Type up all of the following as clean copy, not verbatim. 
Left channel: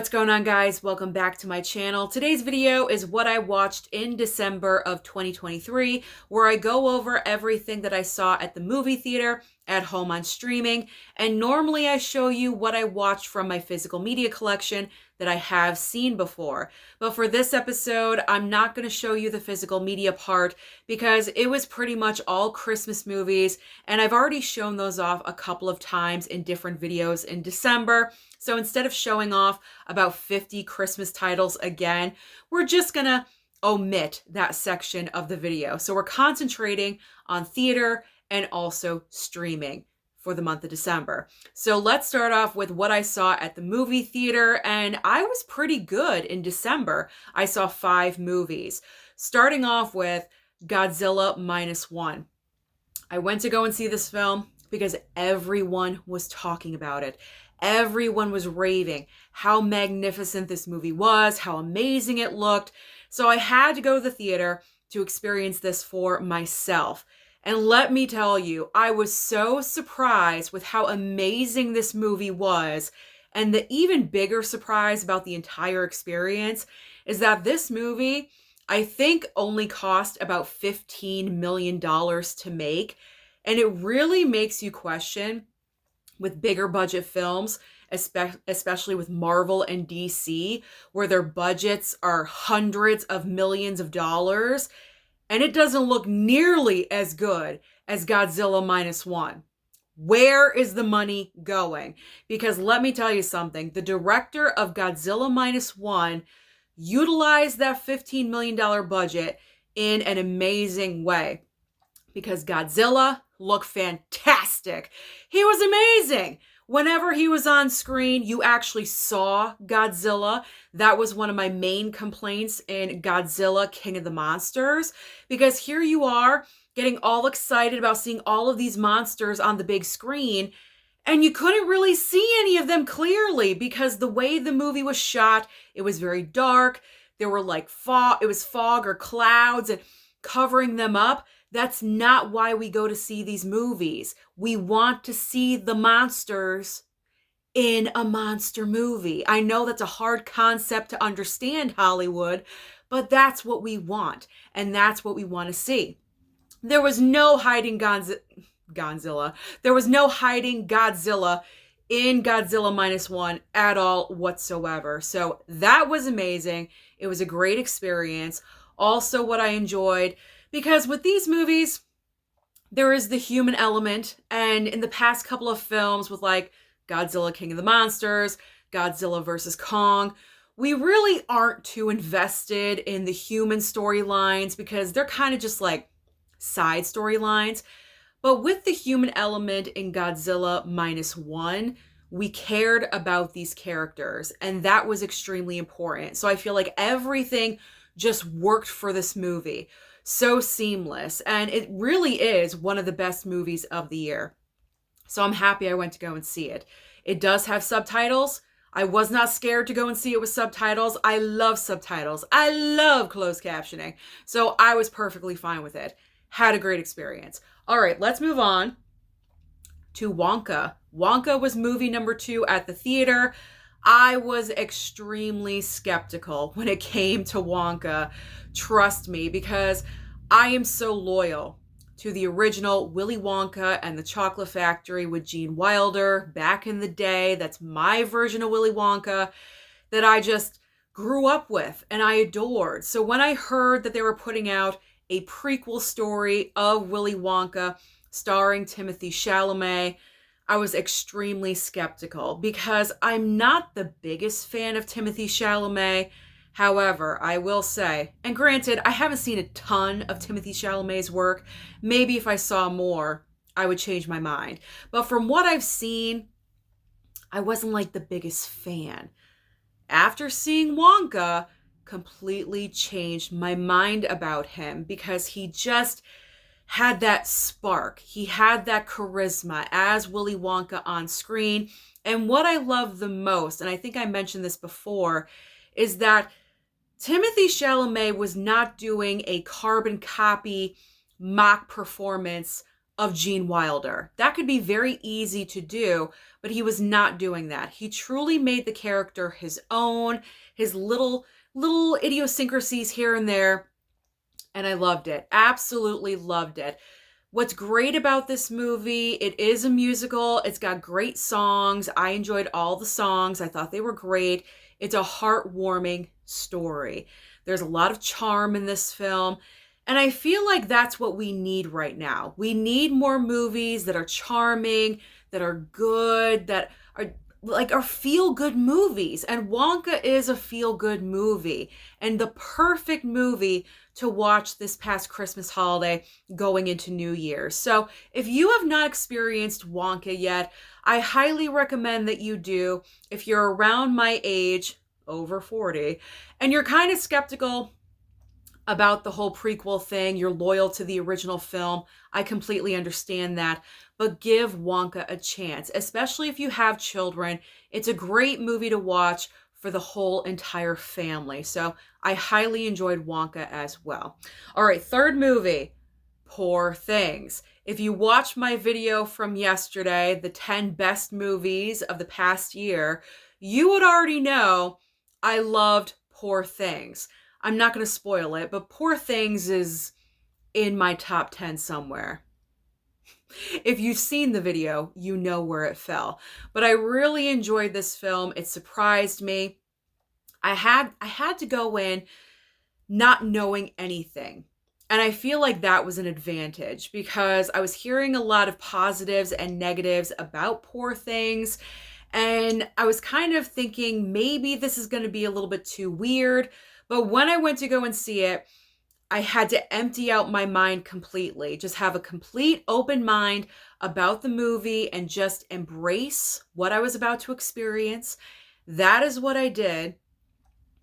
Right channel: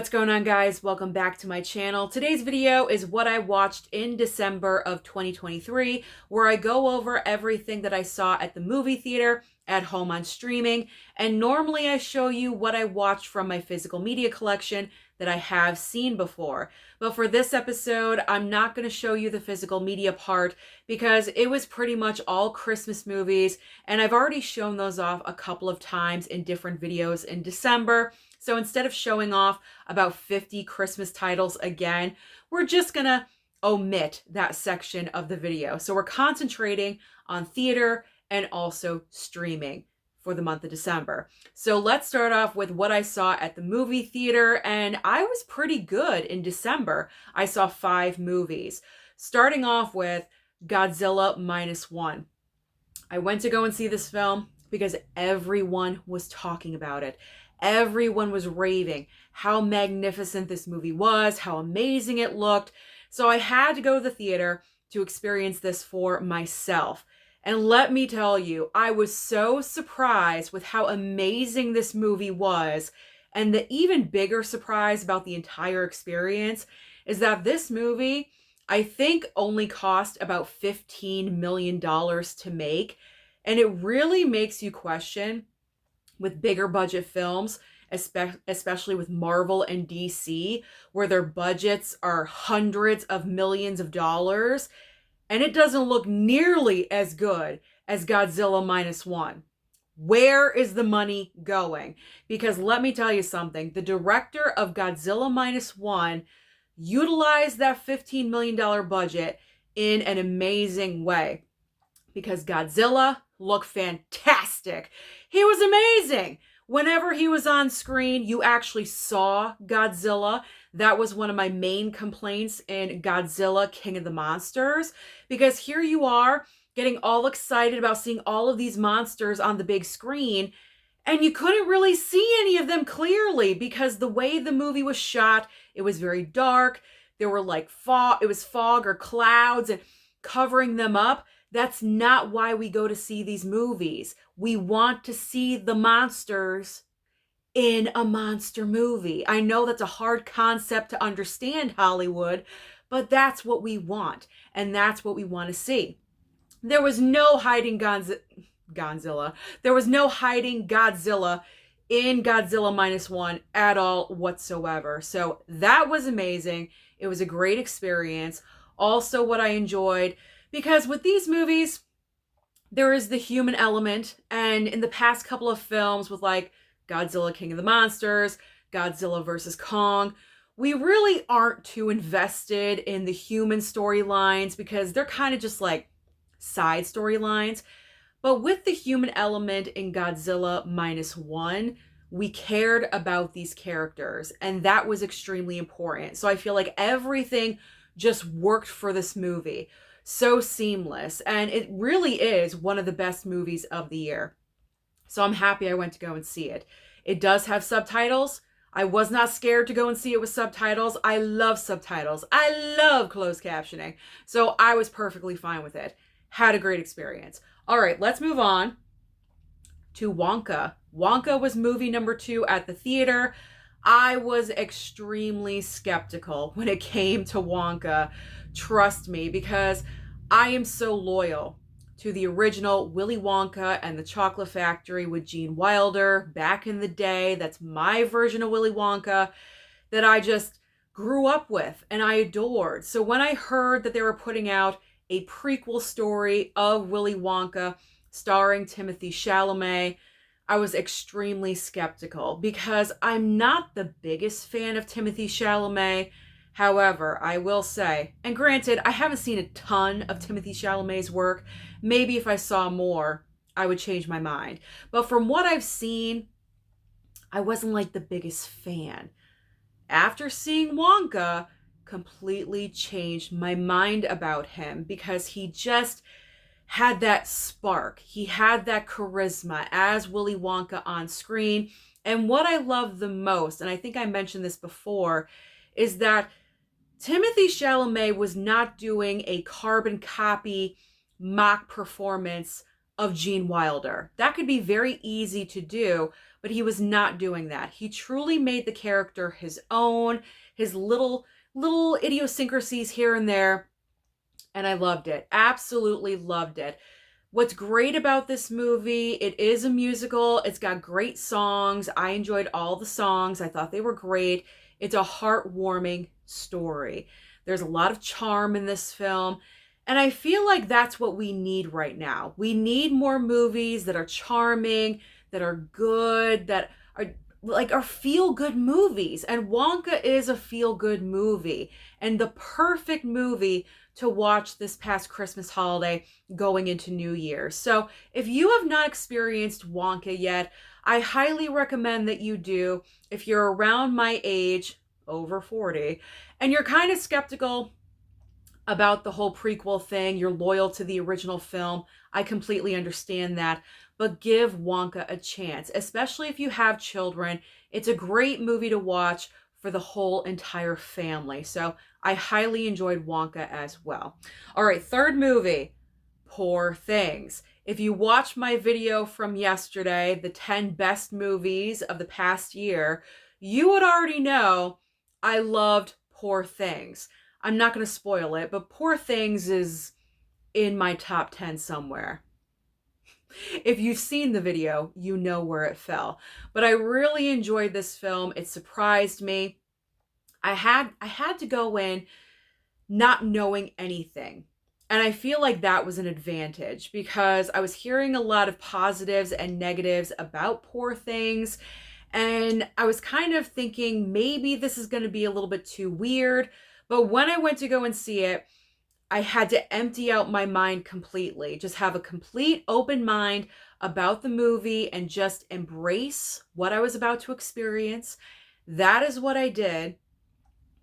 What's going on, guys? Welcome back to my channel. Today's video is what I watched in December of 2023, where I go over everything that I saw at the movie theater, at home on streaming, and normally I show you what I watched from my physical media collection that I have seen before. But for this episode, I'm not going to show you the physical media part because it was pretty much all Christmas movies, and I've already shown those off a couple of times in different videos in December. So instead of showing off about 50 Christmas titles again, we're just gonna omit that section of the video. So we're concentrating on theater and also streaming for the month of December. So let's start off with what I saw at the movie theater, and I was pretty good in December. I saw 5 movies, starting off with Godzilla Minus One. I went to go and see this film because everyone was talking about it. Everyone was raving how magnificent this movie was, how amazing it looked. So I had to go to the theater to experience this for myself. And let me tell you, I was so surprised with how amazing this movie was. And the even bigger surprise about the entire experience is that this movie, I think, only cost about $15 million to make. And it really makes you question, with bigger budget films, especially with Marvel and DC, where their budgets are hundreds of millions of dollars, and it doesn't look nearly as good as Godzilla Minus One. Where is the money going? Because let me tell you something, the director of Godzilla Minus One utilized that $15 million budget in an amazing way, because Godzilla looked fantastic. He was amazing. Whenever he was on screen, you actually saw Godzilla. That was one of my main complaints in Godzilla King of the Monsters, because here you are getting all excited about seeing all of these monsters on the big screen, and you couldn't really see any of them clearly because the way the movie was shot, it was very dark. There were like fog, it was fog or clouds and covering them up. That's not why we go to see these movies. We want to see the monsters in a monster movie. I know that's a hard concept to understand, Hollywood, but that's what we want, and that's what we want to see. There was no hiding Godzilla. There was no hiding Godzilla in Godzilla Minus One at all whatsoever. So that was amazing. It was a great experience. Also, what I enjoyed, because with these movies, there is the human element. And in the past couple of films with like Godzilla King of the Monsters, Godzilla vs. Kong, we really aren't too invested in the human storylines because they're kind of just like side storylines. But with the human element in Godzilla Minus One, we cared about these characters, and that was extremely important. So I feel like everything just worked for this movie. So seamless, and it really is one of the best movies of the year. So I'm happy I went to go and see it. It does have subtitles. I was not scared to go and see it with subtitles. I love subtitles. I love closed captioning. So I was perfectly fine with it. Had a great experience. All right, let's move on to Wonka. Wonka was movie number 2 at the theater. I was extremely skeptical when it came to Wonka. Trust me, because I am so loyal to the original Willy Wonka and the Chocolate Factory with Gene Wilder back in the day. That's my version of Willy Wonka that I just grew up with and I adored. So when I heard that they were putting out a prequel story of Willy Wonka starring Timothée Chalamet, I was extremely skeptical because I'm not the biggest fan of Timothée Chalamet. However, I will say, and granted, I haven't seen a ton of Timothée Chalamet's work. Maybe if I saw more, I would change my mind. But from what I've seen, I wasn't like the biggest fan. After seeing Wonka, completely changed my mind about him because he just had that spark. He had that charisma as Willy Wonka on screen. And what I love the most, and I think I mentioned this before, is that Timothée Chalamet was not doing a carbon copy mock performance of Gene Wilder. That could be very easy to do, but he was not doing that. He truly made the character his own, his little idiosyncrasies here and there, and I loved it. Absolutely loved it. What's great about this movie, it is a musical. It's got great songs. I enjoyed all the songs. I thought they were great. It's a heartwarming story. There's a lot of charm in this film. And I feel like that's what we need right now. We need more movies that are charming, that are good, that are feel-good movies. And Wonka is a feel-good movie. And the perfect movie to watch this past Christmas holiday going into New Year's. So if you have not experienced Wonka yet, I highly recommend that you do. If you're around my age, over 40, and you're kind of skeptical about the whole prequel thing, you're loyal to the original film, I completely understand that. But give Wonka a chance, especially if you have children. It's a great movie to watch for the whole entire family. So I highly enjoyed Wonka as well. All right, third movie, Poor Things. If you watched my video from yesterday, the 10 best movies of the past year, you would already know I loved Poor Things. I'm not going to spoil it, but Poor Things is in my top 10 somewhere. If you've seen the video, you know where it fell. But I really enjoyed this film. It surprised me. I had to go in not knowing anything. And I feel like that was an advantage because I was hearing a lot of positives and negatives about Poor Things. And I was kind of thinking maybe this is going to be a little bit too weird. But when I went to go and see it, I had to empty out my mind completely. Just have a complete open mind about the movie and just embrace what I was about to experience. That is what I did.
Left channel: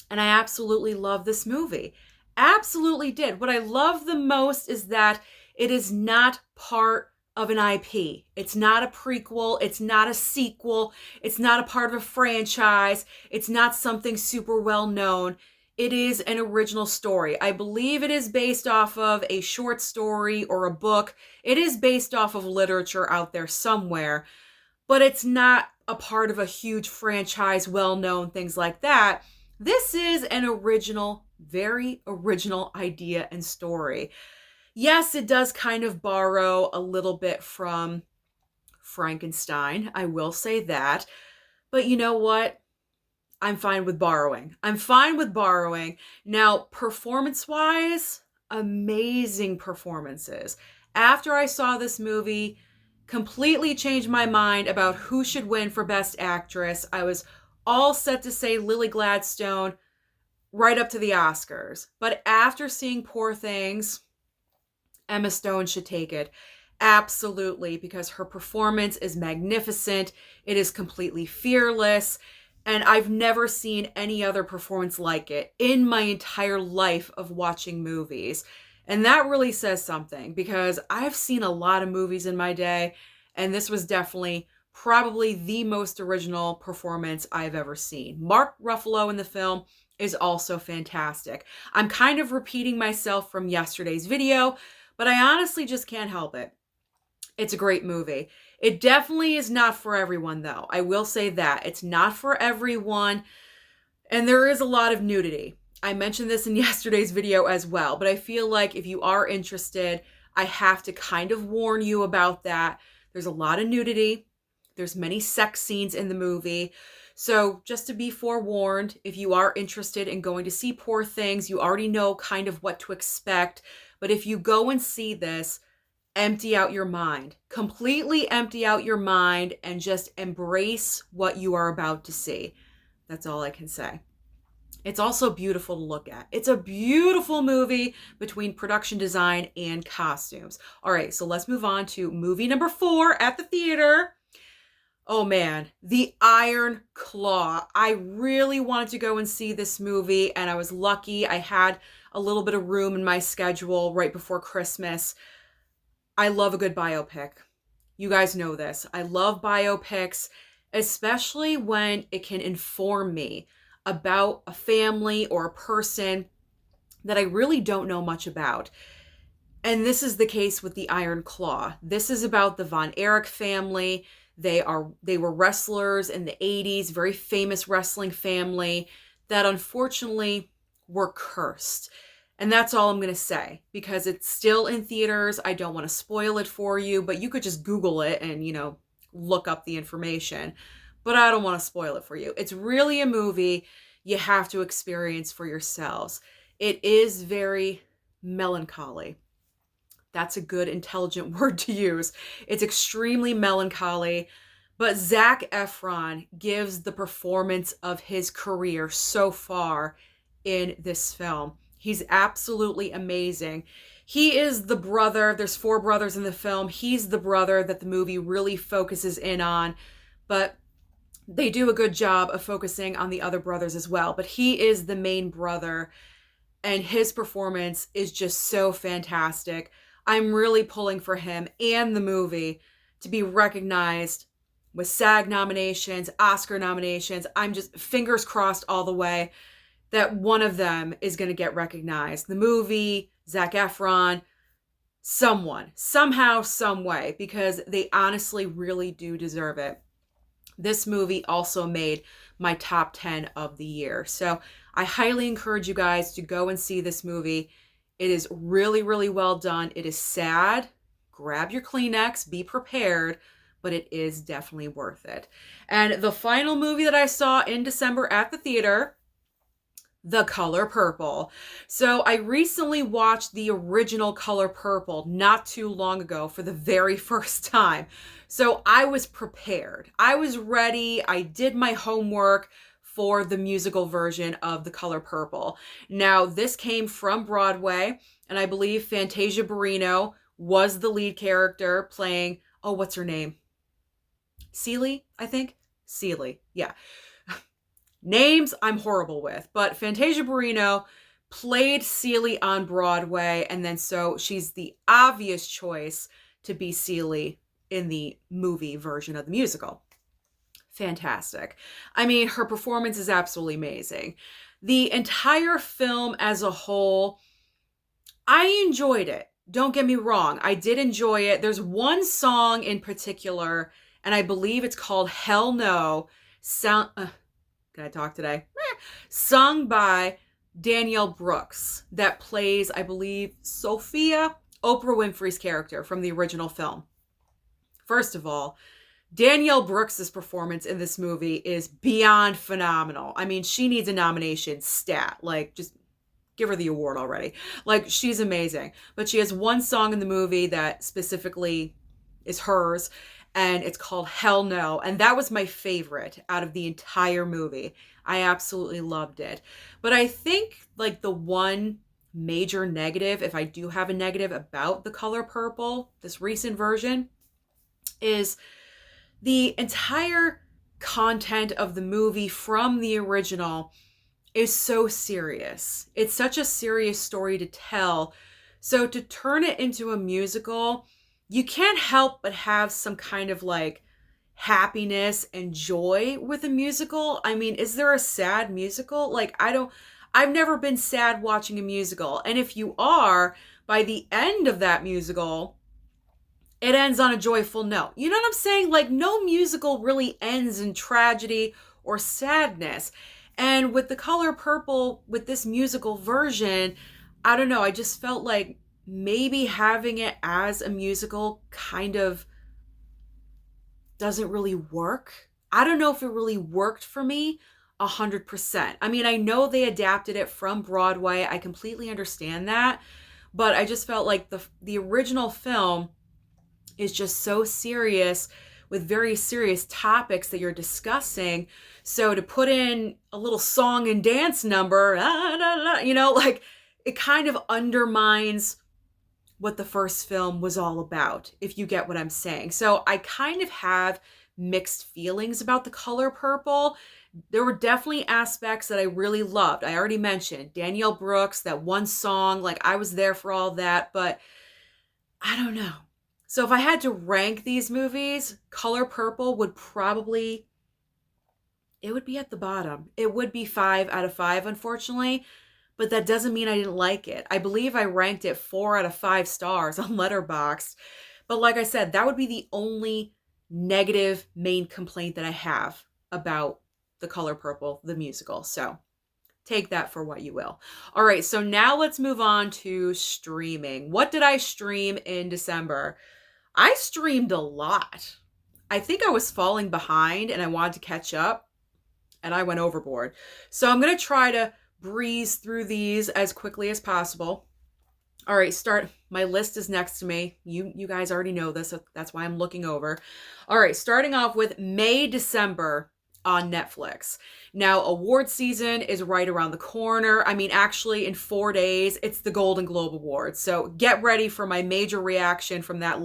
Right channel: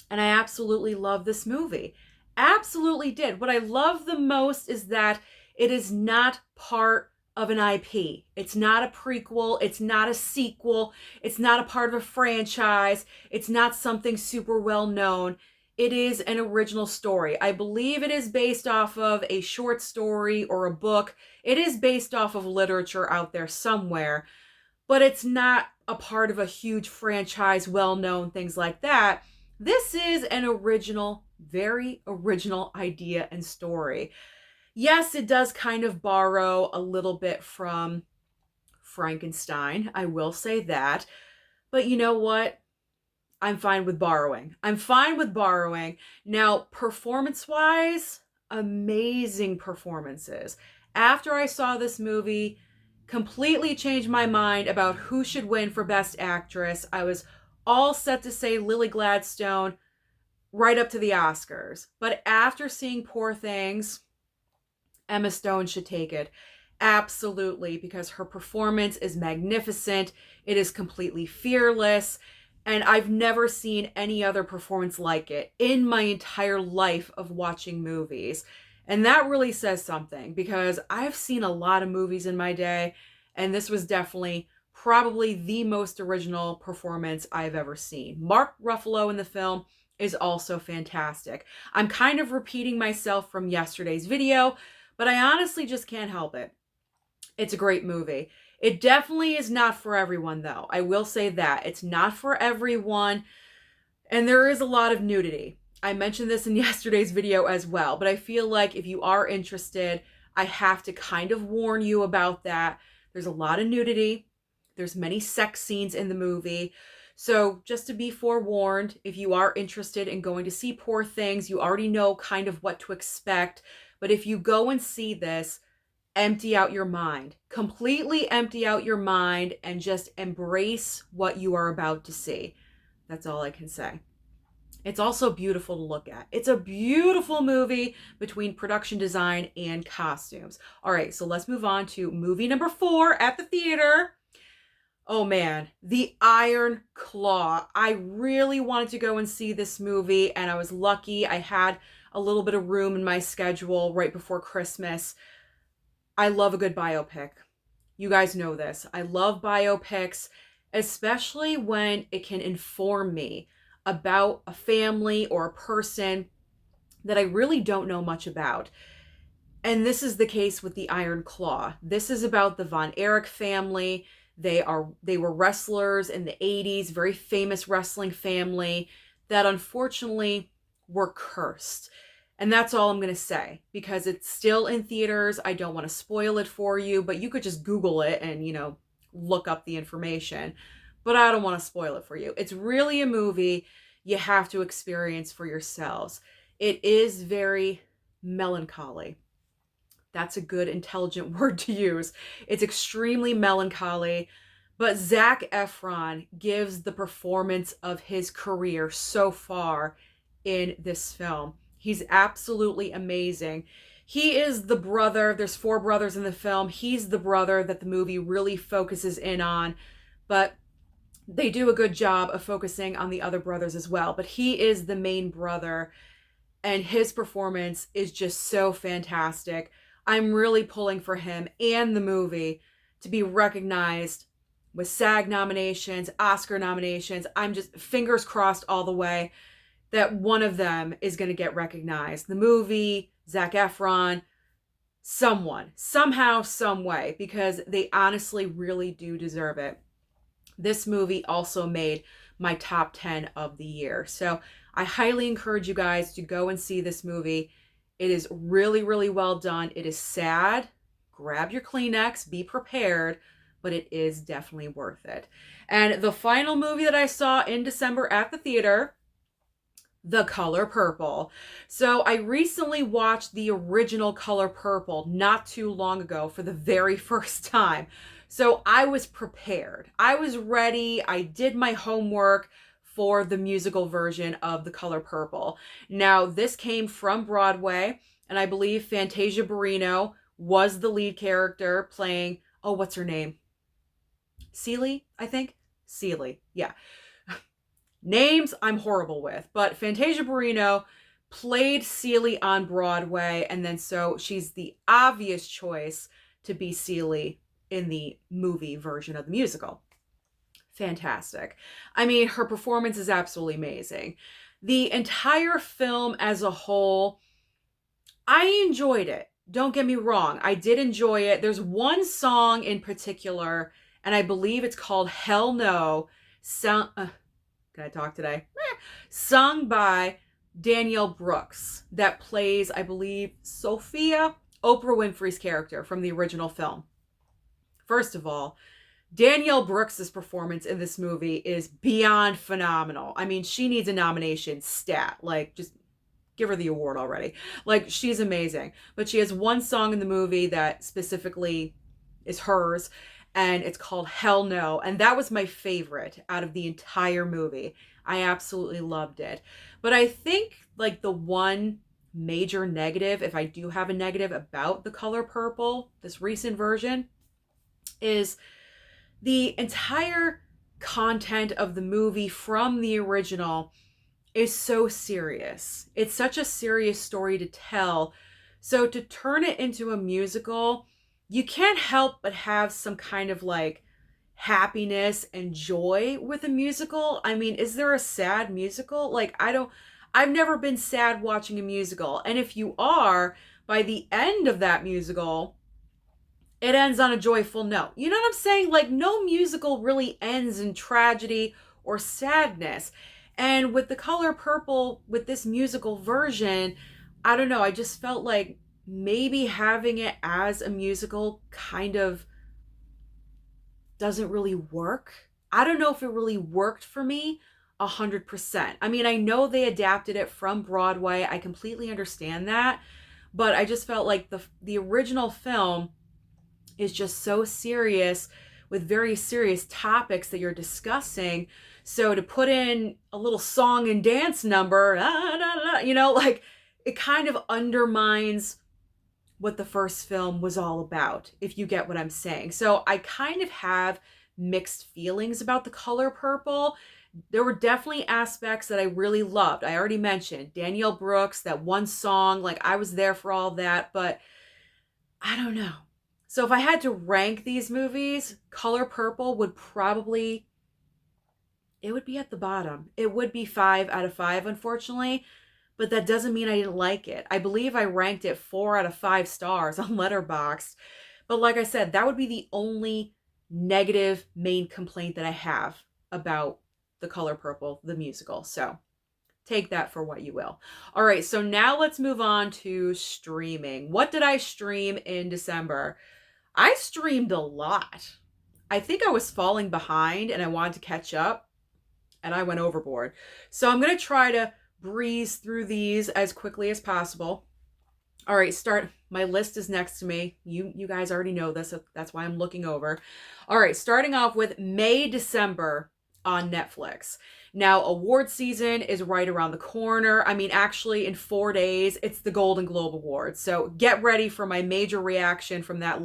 And I absolutely love this movie. Absolutely did. What I love the most is that it is not part of an IP. It's not a prequel. It's not a sequel. It's not a part of a franchise. It's not something super well known. It is an original story. I believe it is based off of a short story or a book. It is based off of literature out there somewhere, but it's not a part of a huge franchise, well-known, things like that. This is an original, very original idea and story. Yes, it does kind of borrow a little bit from Frankenstein. I will say that. But you know what? I'm fine with borrowing. I'm fine with borrowing. Now, performance-wise, amazing performances. After I saw this movie, completely changed my mind about who should win for Best Actress. I was all set to say Lily Gladstone right up to the Oscars. But after seeing Poor Things, Emma Stone should take it. Absolutely, because her performance is magnificent. It is completely fearless. And I've never seen any other performance like it in my entire life of watching movies. And that really says something because I've seen a lot of movies in my day, and this was definitely probably the most original performance I've ever seen. Mark Ruffalo in the film is also fantastic. I'm kind of repeating myself from yesterday's video, but I honestly just can't help it. It's a great movie. It definitely is not for everyone, though. I will say that. It's not for everyone, and there is a lot of nudity. I mentioned this in yesterday's video as well, but I feel like if you are interested, I have to kind of warn you about that. There's a lot of nudity. There's many sex scenes in the movie. So just to be forewarned, if you are interested in going to see Poor Things, you already know kind of what to expect. But if you go and see this, empty out your mind. Completely empty out your mind and just embrace what you are about to see. That's all I can say. It's also beautiful to look at. It's a beautiful movie between production design and costumes. All right, so let's move on to movie number 4 at the theater. Oh man, The Iron Claw. I really wanted to go and see this movie, and I was lucky. I had a little bit of room in my schedule right before Christmas. I love a good biopic. You guys know this. I love biopics, especially when it can inform me about a family or a person that I really don't know much about. And this is the case with the Iron Claw. This is about the Von Erich family. They were wrestlers in the 80s, very famous wrestling family that unfortunately were cursed. And that's all I'm going to say because it's still in theaters. I don't want to spoil it for you, but you could just Google it and, look up the information. But I don't want to spoil it for you. It's really a movie you have to experience for yourselves. It is very melancholy. That's a good, intelligent word to use. It's extremely melancholy, but Zac Efron gives the performance of his career so far in this film. He's absolutely amazing. He is the brother, there's 4 brothers in the film. He's the brother that the movie really focuses in on, but they do a good job of focusing on the other brothers as well. But he is the main brother, and his performance is just so fantastic. I'm really pulling for him and the movie to be recognized with SAG nominations, Oscar nominations. I'm just fingers crossed all the way that one of them is going to get recognized. The movie, Zac Efron, someone, somehow, some way, because they honestly really do deserve it. This movie also made my top 10 of the year. So I highly encourage you guys to go and see this movie. It is really, really well done. It is sad. Grab your Kleenex, be prepared, but it is definitely worth it. And the final movie that I saw in December at the theater, The Color Purple. So I recently watched the original Color Purple not too long ago for the very first time. So I was prepared. I was ready. I did my homework for the musical version of The Color Purple. Now, this came from Broadway, and I believe Fantasia Barrino was the lead character playing, oh, what's her name? Celie, I think? Celie, yeah. Names I'm horrible with, but Fantasia Barrino played Celie on Broadway, and then so she's the obvious choice to be Celie in the movie version of the musical. Fantastic. I mean, her performance is absolutely amazing. The entire film as a whole, I enjoyed it. Don't get me wrong. I did enjoy it. There's one song in particular, and I believe it's called Hell No. Can I talk today? Sung by Danielle Brooks, that plays, I believe, Sophia, Oprah Winfrey's character from the original film. First of all, Danielle Brooks' performance in this movie is beyond phenomenal. I mean, she needs a nomination stat. Like, just give her the award already. Like, she's amazing. But she has one song in the movie that specifically is hers, and it's called Hell No. And that was my favorite out of the entire movie. I absolutely loved it. But I think, like, the one major negative, if I do have a negative about The Color Purple, this recent version, is the entire content of the movie from the original is so serious. It's such a serious story to tell. So to turn it into a musical, you can't help but have some kind of like happiness and joy with a musical. I mean, is there a sad musical? Like, I've never been sad watching a musical. And if you are, by the end of that musical, it ends on a joyful note. You know what I'm saying? Like, no musical really ends in tragedy or sadness. And with The Color Purple, with this musical version, I don't know, I just felt like maybe having it as a musical kind of doesn't really work. I don't know if it really worked for me 100%. I mean, I know they adapted it from Broadway. I completely understand that. But I just felt like the original film is just so serious with very serious topics that you're discussing. So to put in a little song and dance number, like, it kind of undermines what the first film was all about, if you get what I'm saying. So I kind of have mixed feelings about The Color Purple. There were definitely aspects that I really loved. I already mentioned Danielle Brooks, that one song, like, I was there for all that, but I don't know. So if I had to rank these movies, Color Purple would probably, it would be at the bottom. It would be 5 out of 5, unfortunately. but that doesn't mean I didn't like it. I believe I ranked it 4 out of 5 stars on Letterboxd. But like I said, that would be the only negative main complaint that I have about The Color Purple, the musical. So take that for what you will. All right, so now let's move on to streaming. What did I stream in December? I streamed a lot. I think I was falling behind and I wanted to catch up, and I went overboard. So I'm going to try to breeze through these as quickly as possible. All right, my list is next to me. You guys already know this, so that's why I'm looking over. All right, starting off with May, December on Netflix. Now, award season is right around the corner. I mean, actually, in 4 days, it's the Golden Globe Awards. So get ready for my major reaction from that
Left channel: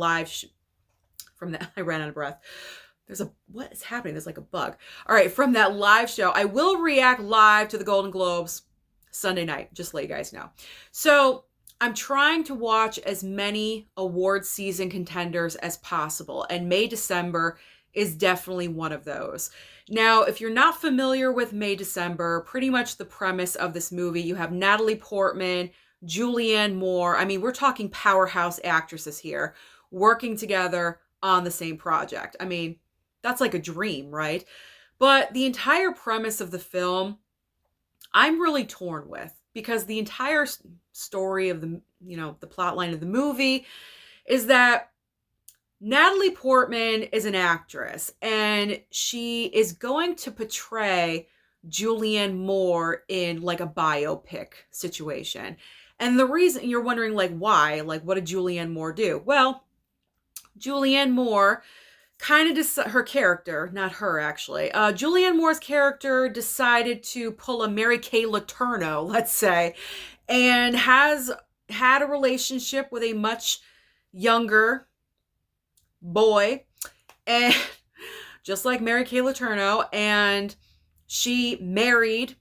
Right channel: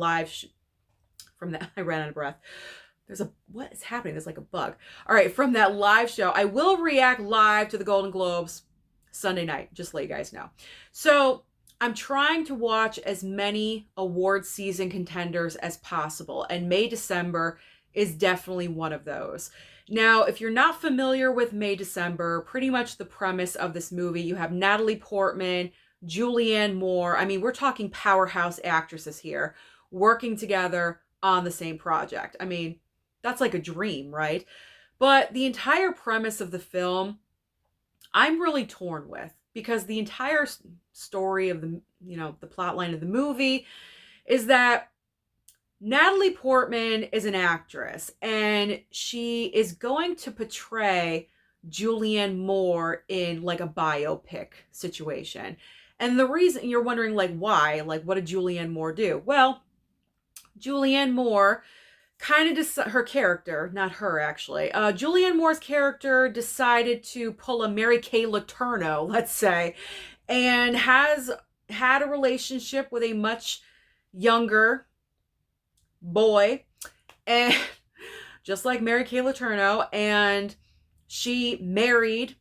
I ran out of breath. What is happening? There's like a bug. All right, from that live show, I will react live to the Golden Globes Sunday night, just to let you guys know. So I'm trying to watch as many award season contenders as possible, and May, December is definitely one of those. Now, if you're not familiar with May, December, pretty much the premise of this movie, you have Natalie Portman, Julianne Moore. I mean, we're talking powerhouse actresses here working together on the same project. I mean, that's like a dream, right? But the entire premise of the film, I'm really torn with, because the entire story of the plot line of the movie is that Natalie Portman is an actress, and she is going to portray Julianne Moore in like a biopic situation. And the reason you're wondering, like, why? Like, what did Julianne Moore do? Well, Julianne Moore kind of her character, not her actually. Julianne Moore's character decided to pull a Mary Kay Letourneau, let's say, and has had a relationship with a much younger boy, and just like Mary Kay Letourneau, and she married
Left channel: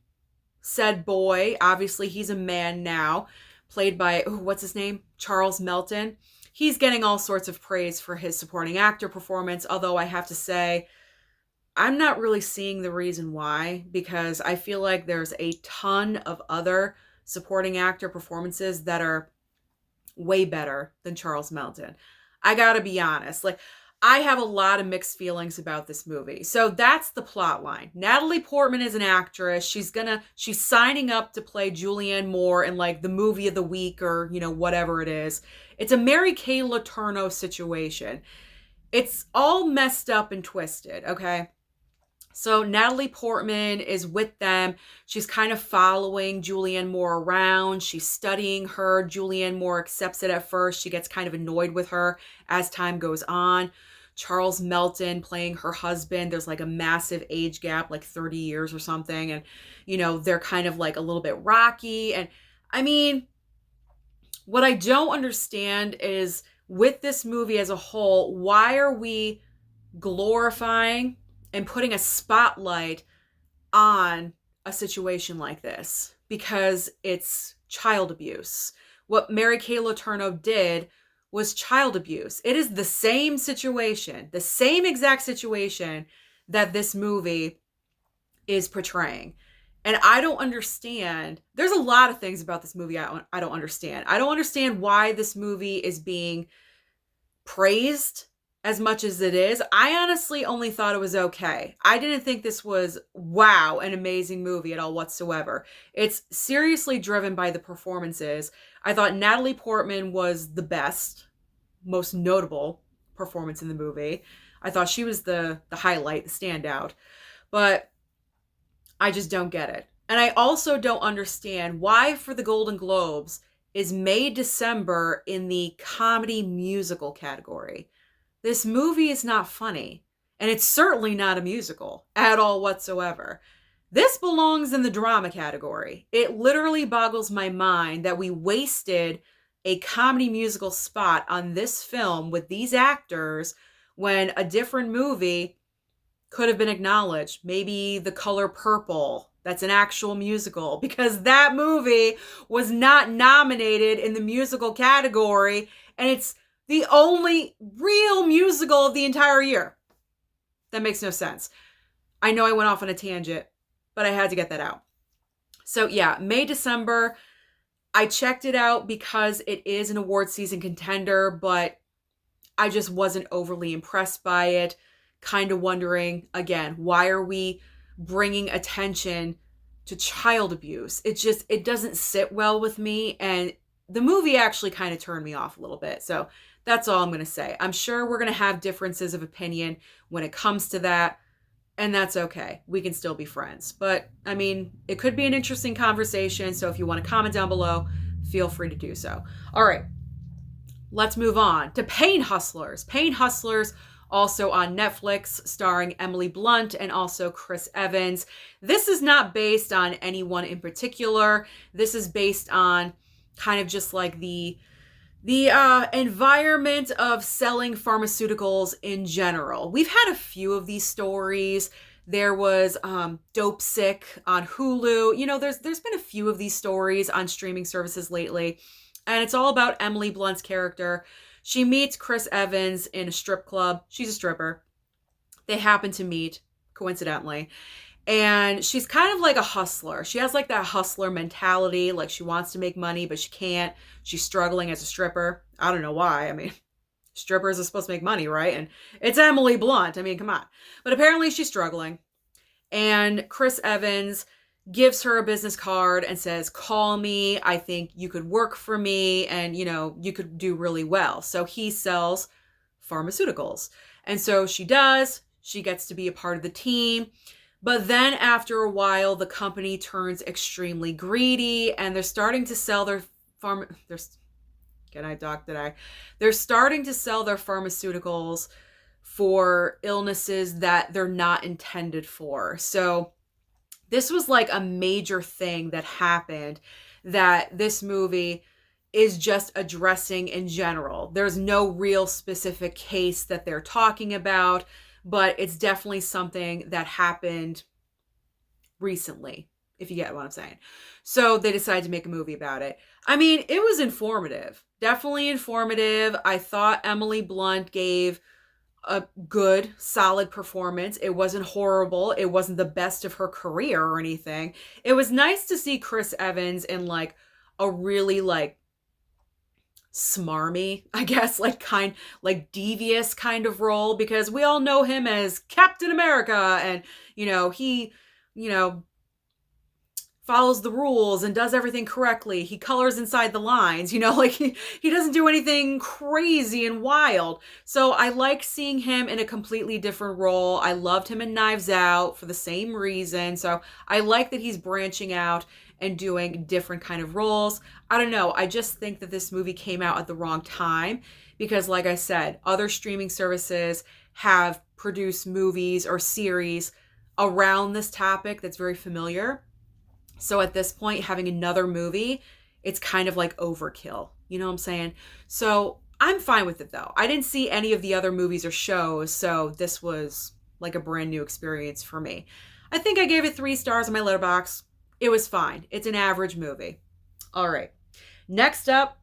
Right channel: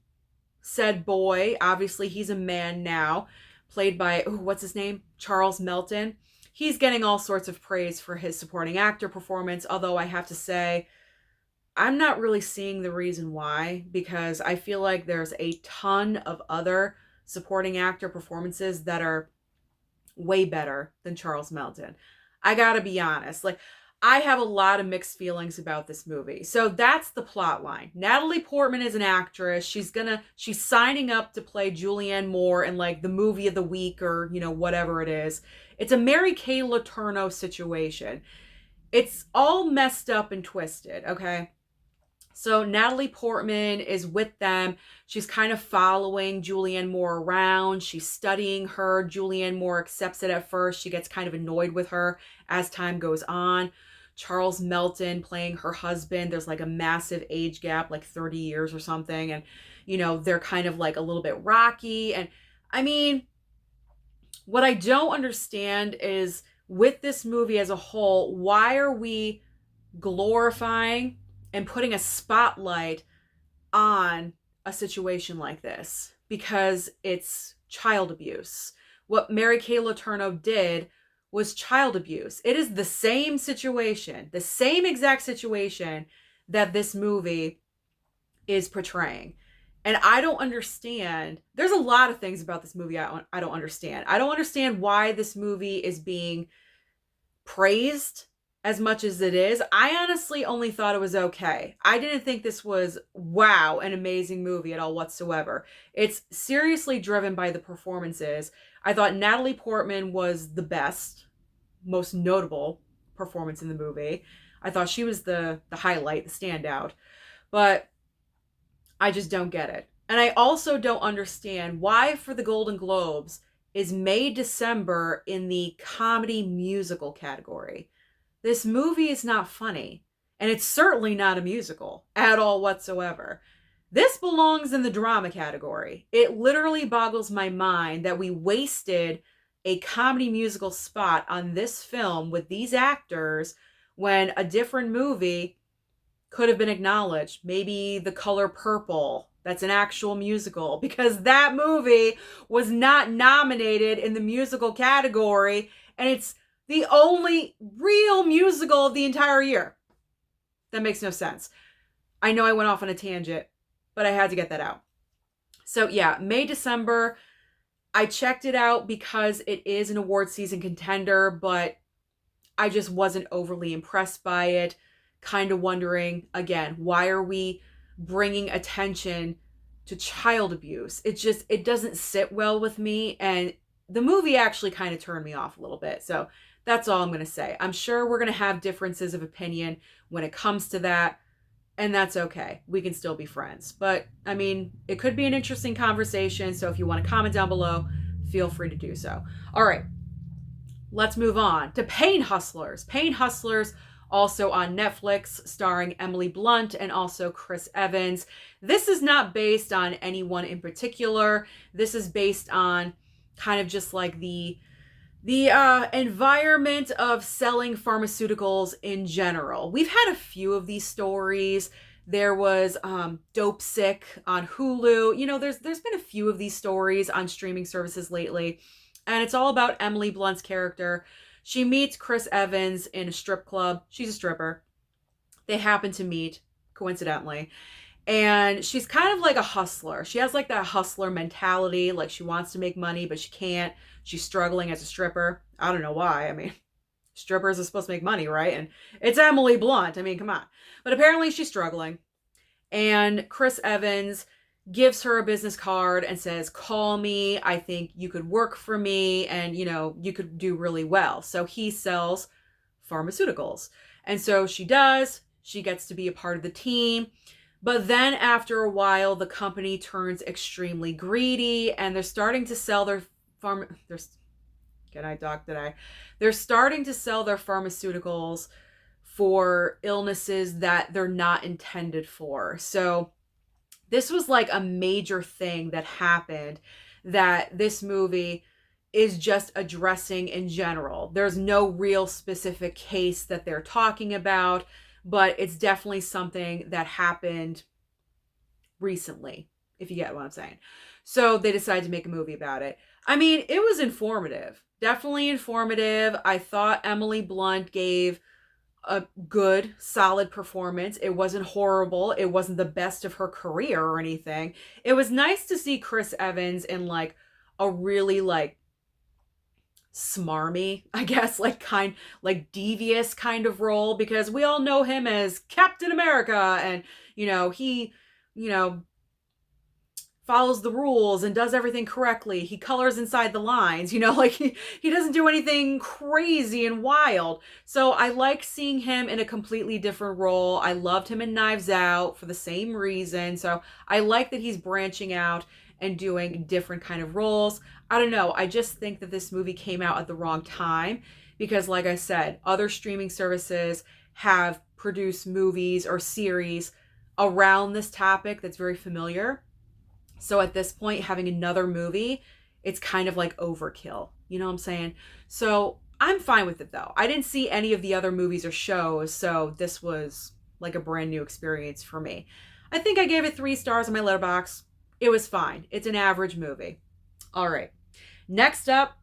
said boy. Obviously, he's a man now, played by, what's his name? Charles Melton. He's getting all sorts of praise for his supporting actor performance, although I have to say, I'm not really seeing the reason why, because I feel like there's a ton of other supporting actor performances that are way better than Charles Melton. I gotta be honest. Like, I have a lot of mixed feelings about this movie. So that's the plot line. Natalie Portman is an actress. She's signing up to play Julianne Moore in like the movie of the week, or, whatever it is. It's a Mary Kay Letourneau situation. It's all messed up and twisted, okay? So Natalie Portman is with them. She's kind of following Julianne Moore around. She's studying her. Julianne Moore accepts it at first. She gets kind of annoyed with her as time goes on. Charles Melton playing her husband. There's like a massive age gap, like 30 years or something. And, they're kind of like a little bit rocky. And I mean, what I don't understand is, with this movie as a whole, why are we glorifying and putting a spotlight on a situation like this? Because it's child abuse. What Mary Kay Letourneau did was child abuse. It is the same situation, the same exact situation that this movie is portraying. And I don't understand. There's a lot of things about this movie I don't understand. I don't understand why this movie is being praised as much as it is. I honestly only thought it was okay. I didn't think this was, wow, an amazing movie at all whatsoever. It's seriously driven by the performances. I thought Natalie Portman was the best, most notable performance in the movie. I thought she was the highlight, the standout. But I just don't get it. And I also don't understand why, for the Golden Globes, is May, December in the comedy musical category. This movie is not funny, and it's certainly not a musical at all whatsoever. This belongs in the drama category. It literally boggles my mind that we wasted a comedy musical spot on this film with these actors when a different movie could have been acknowledged. Maybe The Color Purple, that's an actual musical, because that movie was not nominated in the musical category, and it's the only real musical of the entire year. That makes no sense. I know I went off on a tangent, but I had to get that out. So yeah, May, December, I checked it out because it is an award season contender, but I just wasn't overly impressed by it. Kind of wondering, again, why are we bringing attention to child abuse? It doesn't sit well with me. And the movie actually kind of turned me off a little bit. So that's all I'm going to say. I'm sure we're going to have differences of opinion when it comes to that. And that's okay. We can still be friends. But I mean, it could be an interesting conversation. So if you want to comment down below, feel free to do so. All right, let's move on to Pain Hustlers. Pain Hustlers, also on Netflix, starring Emily Blunt and also Chris Evans. This is not based on anyone in particular. This is based on kind of just like the environment of selling pharmaceuticals in general. We've had a few of these stories. There was Dope Sick on Hulu. You know, there's been a few of these stories on streaming services lately. And it's all about Emily Blunt's character. She meets Chris Evans in a strip club. She's a stripper. They happen to meet, coincidentally. And she's kind of like a hustler. She has like that hustler mentality. Like she wants to make money, but she can't. She's struggling as a stripper. I don't know why. I mean, strippers are supposed to make money, right? And it's Emily Blunt. I mean, come on. But apparently she's struggling. And Chris Evans gives her a business card and says, call me. I think you could work for me and, you know, you could do really well. So he sells pharmaceuticals. And so she does. She gets to be a part of the team. But then after a while, the company turns extremely greedy and they're starting to sell their They're starting to sell their pharmaceuticals for illnesses that they're not intended for. So this was like a major thing that happened that this movie is just addressing in general. There's no real specific case that they're talking about, but it's definitely something that happened recently, if you get what I'm saying. So they decided to make a movie about it. I mean, it was informative, definitely informative. I thought Emily Blunt gave a good, solid performance. It wasn't horrible. It wasn't the best of her career or anything. It was nice to see Chris Evans in like a really like smarmy, I guess, like devious kind of role, because we all know him as Captain America and, you know, he, you know, follows the rules and does everything correctly. He colors inside the lines, you know, like he doesn't do anything crazy and wild. So I like seeing him in a completely different role. I loved him in Knives Out for the same reason. So I like that he's branching out and doing different kind of roles. I don't know. I just think that this movie came out at the wrong time because, like I said, other streaming services have produced movies or series around this topic that's very familiar. So at this point, having another movie, it's kind of like overkill. You know what I'm saying? So I'm fine with it though. I didn't see any of the other movies or shows, so this was like a brand new experience for me. I think I gave it 3 stars on my Letterboxd. It was fine. It's an average movie. All right. Next up,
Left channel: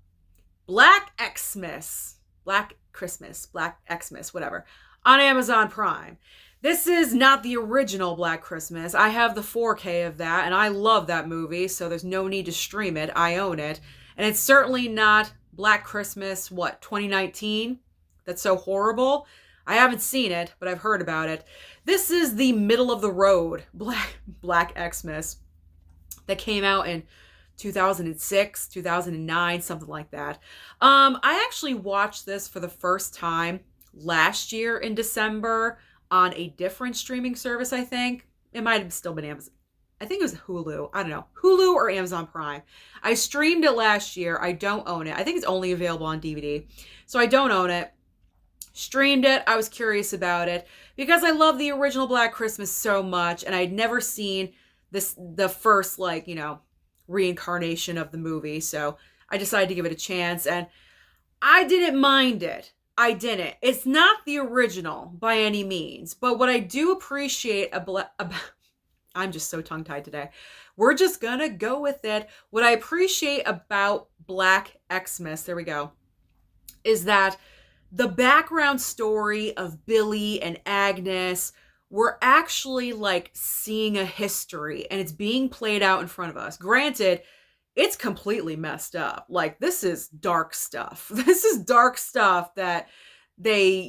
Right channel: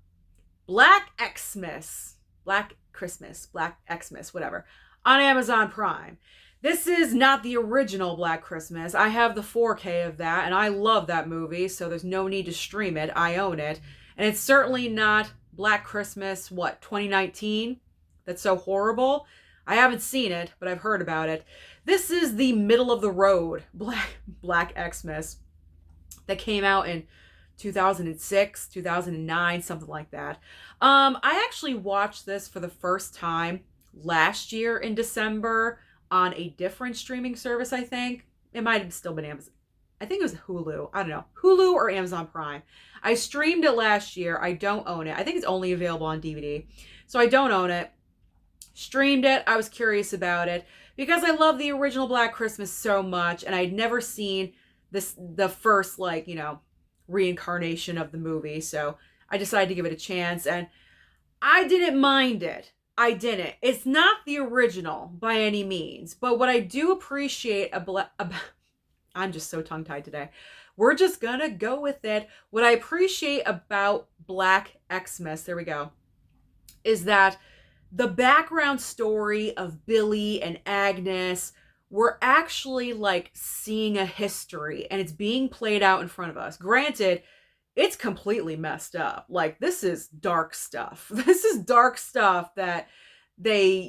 Black Xmas. Black Christmas. Black Xmas, whatever. On Amazon Prime. This is not the original Black Christmas. I have the 4K of that, and I love that movie, so there's no need to stream it. I own it. And it's certainly not Black Christmas, 2019? That's so horrible. I haven't seen it, but I've heard about it. This is the middle of the road Black Xmas that came out in 2006, 2009, something like that. I actually watched this for the first time last year in December on a different streaming service, I think. It might have still been Amazon. I think it was Hulu. I don't know. Hulu or Amazon Prime. I streamed it last year. I don't own it. I think it's only available on DVD. So I don't own it. Streamed it. I was curious about it because I love the original Black Christmas so much, and I'd never seen the first, like, you know, reincarnation of the movie. So I decided to give it a chance, and I didn't mind it. I didn't. It's not the original by any means, but what I do appreciate I'm just so tongue-tied today. We're just gonna go with it. What I appreciate about Black Xmas, there we go, is that the background story of Billy and Agnes we're actually like seeing a history and it's being played out in front of us. Granted, it's completely messed up. Like, this is dark stuff. This is dark stuff that they,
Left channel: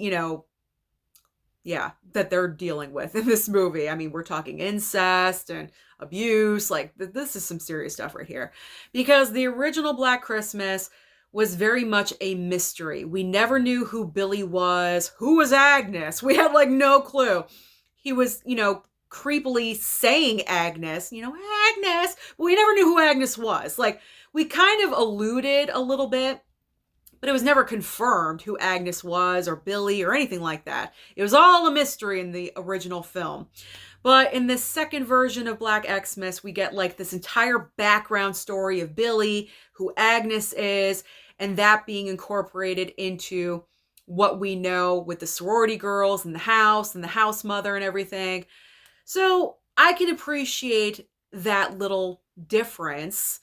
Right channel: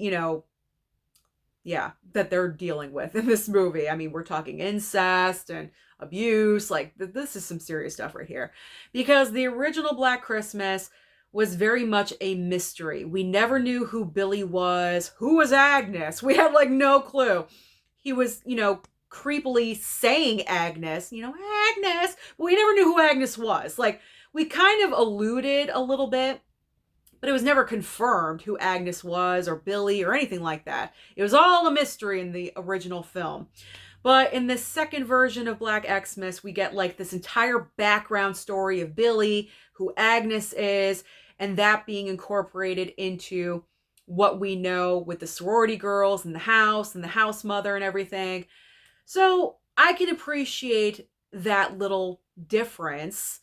that they're dealing with in this movie. I mean, we're talking incest and abuse. Like, this is some serious stuff right here. Because the original Black Christmas was very much a mystery. We never knew who Billy was. Who was Agnes? We had like no clue. He was, creepily saying Agnes, Agnes, but we never knew who Agnes was. Like, we kind of alluded a little bit, but it was never confirmed who Agnes was or Billy or anything like that. It was all a mystery in the original film. But in the second version of Black Xmas, we get like this entire background story of Billy, who Agnes is, and that being incorporated into what we know with the sorority girls and the house mother and everything. So I can appreciate that little difference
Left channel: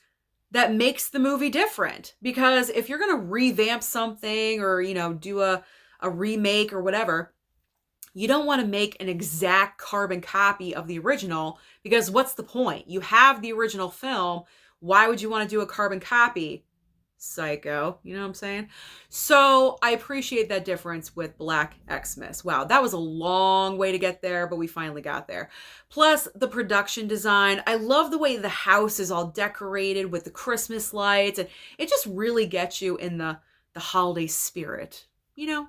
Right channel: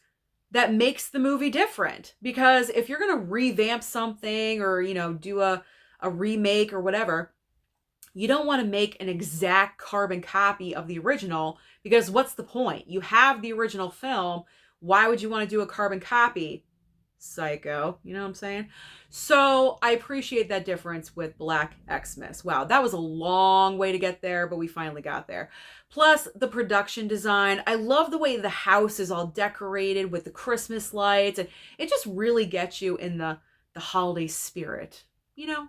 that makes the movie different. Because if you're going to revamp something or, do a remake or whatever, you don't want to make an exact carbon copy of the original, because what's the point? You have the original film. Why would you want to do a carbon copy? Psycho, you know what I'm saying? So I appreciate that difference with Black Xmas. Wow, that was a long way to get there, but we finally got there. Plus the production design. I love the way the house is all decorated with the Christmas lights, and it just really gets you in the holiday spirit,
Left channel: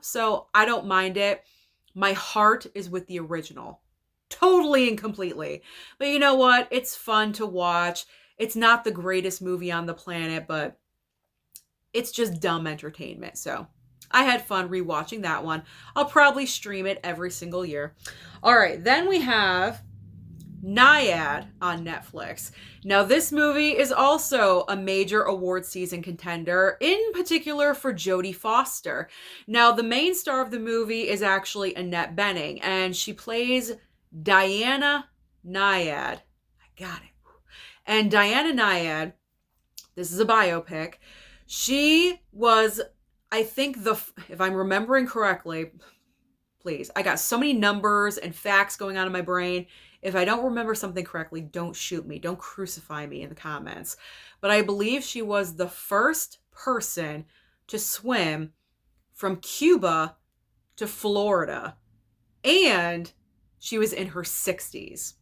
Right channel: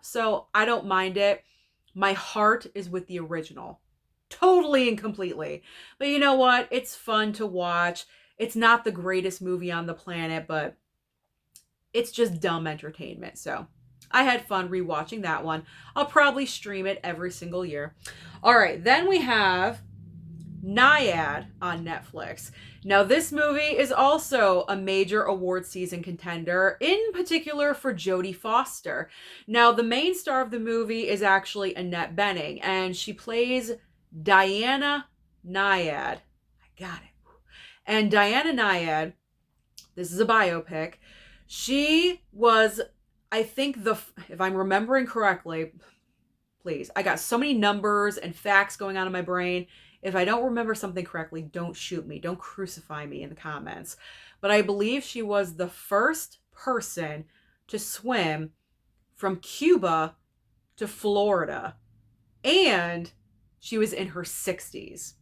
So I don't mind it. My heart is with the original, totally and completely. But you know what? It's fun to watch. It's not the greatest movie on the planet, but it's just dumb entertainment. So I had fun rewatching that one. I'll probably stream it every single year. All right, then we have NYAD on Netflix. Now, this movie is also a major award season contender, in particular for Jodie Foster. Now, the main star of the movie is actually Annette Bening, and she plays Diana NYAD. I got it. And Diana NYAD, this is a biopic. She was, I think, if I'm remembering correctly, please, I got so many numbers and facts going on in my brain. If I don't remember something correctly, don't shoot me. Don't crucify me in the comments. But I believe she was the first person to swim from Cuba to Florida. And she was in her 60s.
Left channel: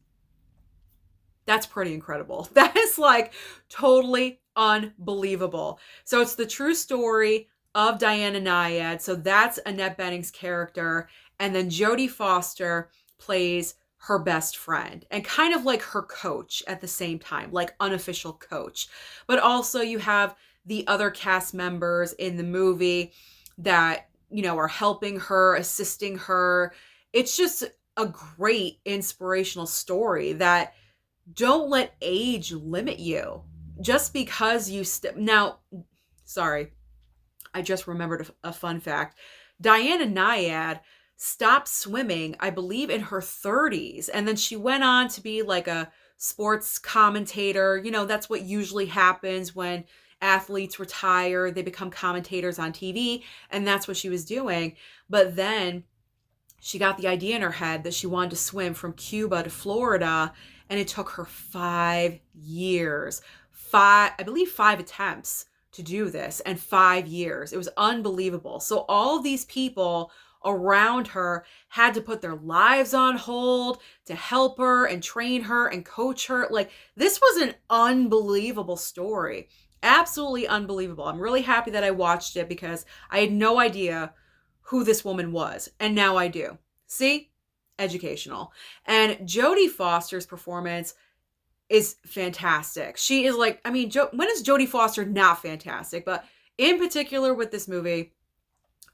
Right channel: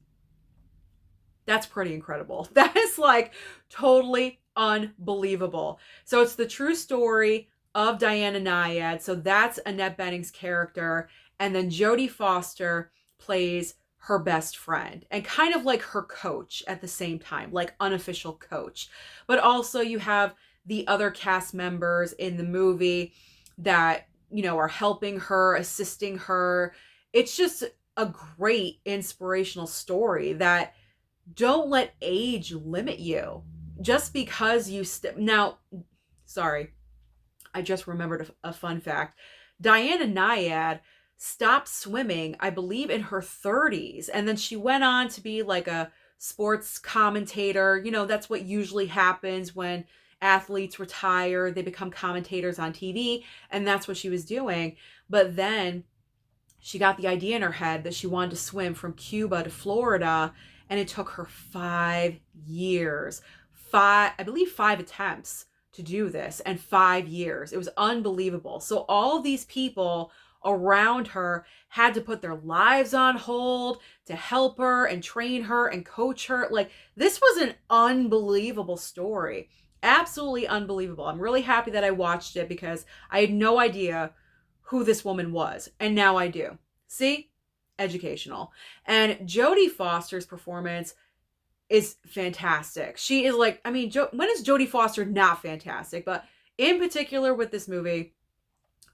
That's pretty incredible. That is like totally unbelievable. So it's the true story of Diana NYAD. So that's Annette Bening's character. And then Jodie Foster plays her best friend and kind of like her coach at the same time, like unofficial coach. But also you have the other cast members in the movie that, are helping her, assisting her. It's just a great inspirational story that don't let age limit you. Just because you now, sorry, I just remembered a fun fact. Diana NYAD stopped swimming, I believe, in her 30s. And then she went on to be like a sports commentator. That's what usually happens when athletes retire. They become commentators on TV. And that's what she was doing. But then she got the idea in her head that she wanted to swim from Cuba to Florida. And it took her 5 years. I believe 5 attempts to do this, and 5 years. It was unbelievable. So all these people around her had to put their lives on hold to help her and train her and coach her. Like, this was an unbelievable story. Absolutely unbelievable. I'm really happy that I watched it because I had no idea who this woman was. And now I do. See? Educational. And Jodie Foster's performance is fantastic. She is like, when is Jodie Foster not fantastic? But in particular with this movie,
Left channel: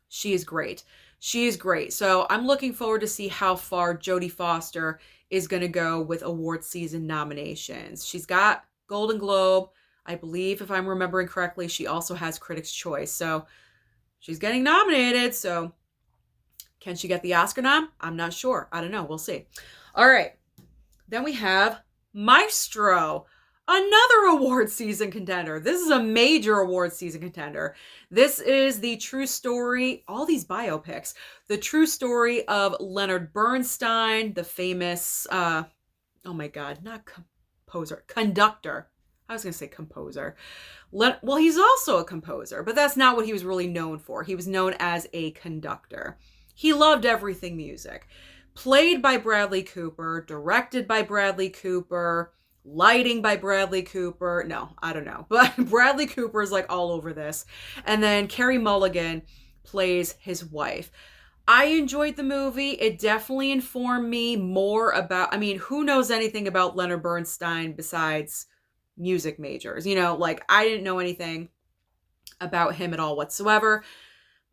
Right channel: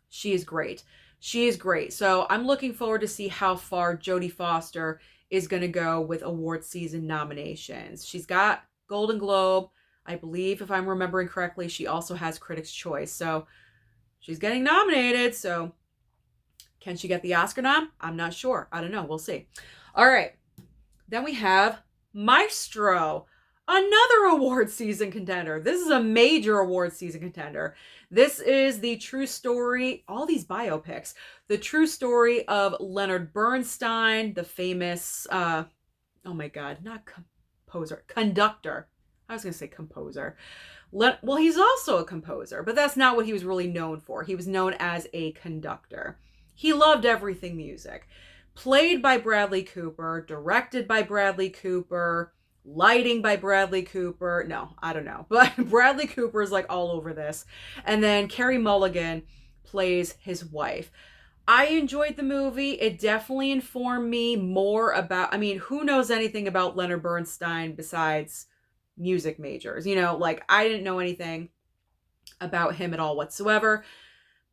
she is great. She is great. So I'm looking forward to see how far Jodie Foster is going to go with award season nominations. She's got Golden Globe. I believe, if I'm remembering correctly, she also has Critics' Choice. So she's getting nominated. So can she get the Oscar nom? I'm not sure. I don't know. We'll see. All right. Then we have Maestro. another award season contender. This is a major award season contender. This is the true story, all these biopics, the true story of Leonard Bernstein, the famous, oh my God, not composer, conductor. I was going to say composer. Well, he's also a composer, but that's not what he was really known for. He was known as a conductor. He loved everything music. Played by Bradley Cooper, directed by Bradley Cooper, lighting by Bradley Cooper. No, I don't know. But Bradley Cooper is like all over this. And then Carey Mulligan plays his wife. I enjoyed the movie. It definitely informed me more about, I mean, who knows anything about Leonard Bernstein besides music majors? You know, like I didn't know anything about him at all whatsoever.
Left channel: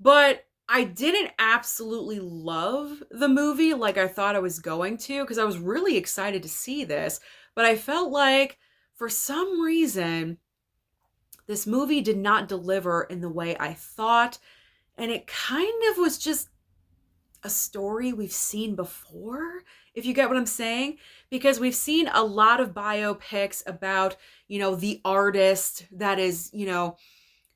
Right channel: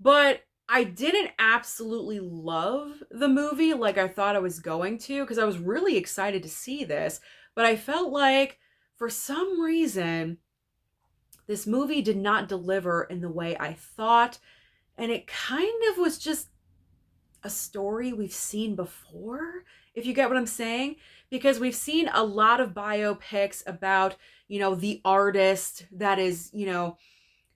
But I didn't absolutely love the movie like I thought I was going to, because I was really excited to see this. But I felt like for some reason, this movie did not deliver in the way I thought. And it kind of was just a story we've seen before, if you get what I'm saying. Because we've seen a lot of biopics about, you know, the artist that is, you know,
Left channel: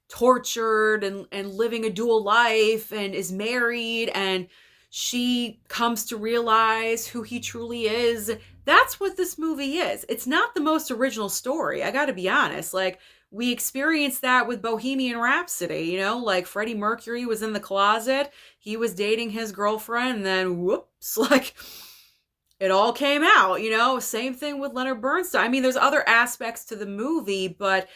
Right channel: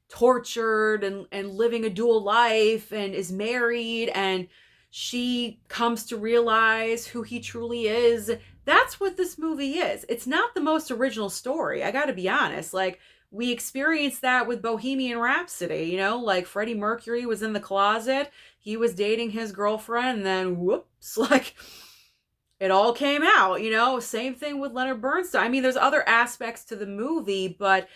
tortured and living a dual life and is married, and she comes to realize who he truly is. That's what this movie is. It's not the most original story, I gotta be honest. Like, we experienced that with Bohemian Rhapsody, you know, like Freddie Mercury was in the closet, he was dating his girlfriend, and then whoops, like it all came out, you know. Same thing with Leonard Bernstein. I mean, there's other aspects to the movie, but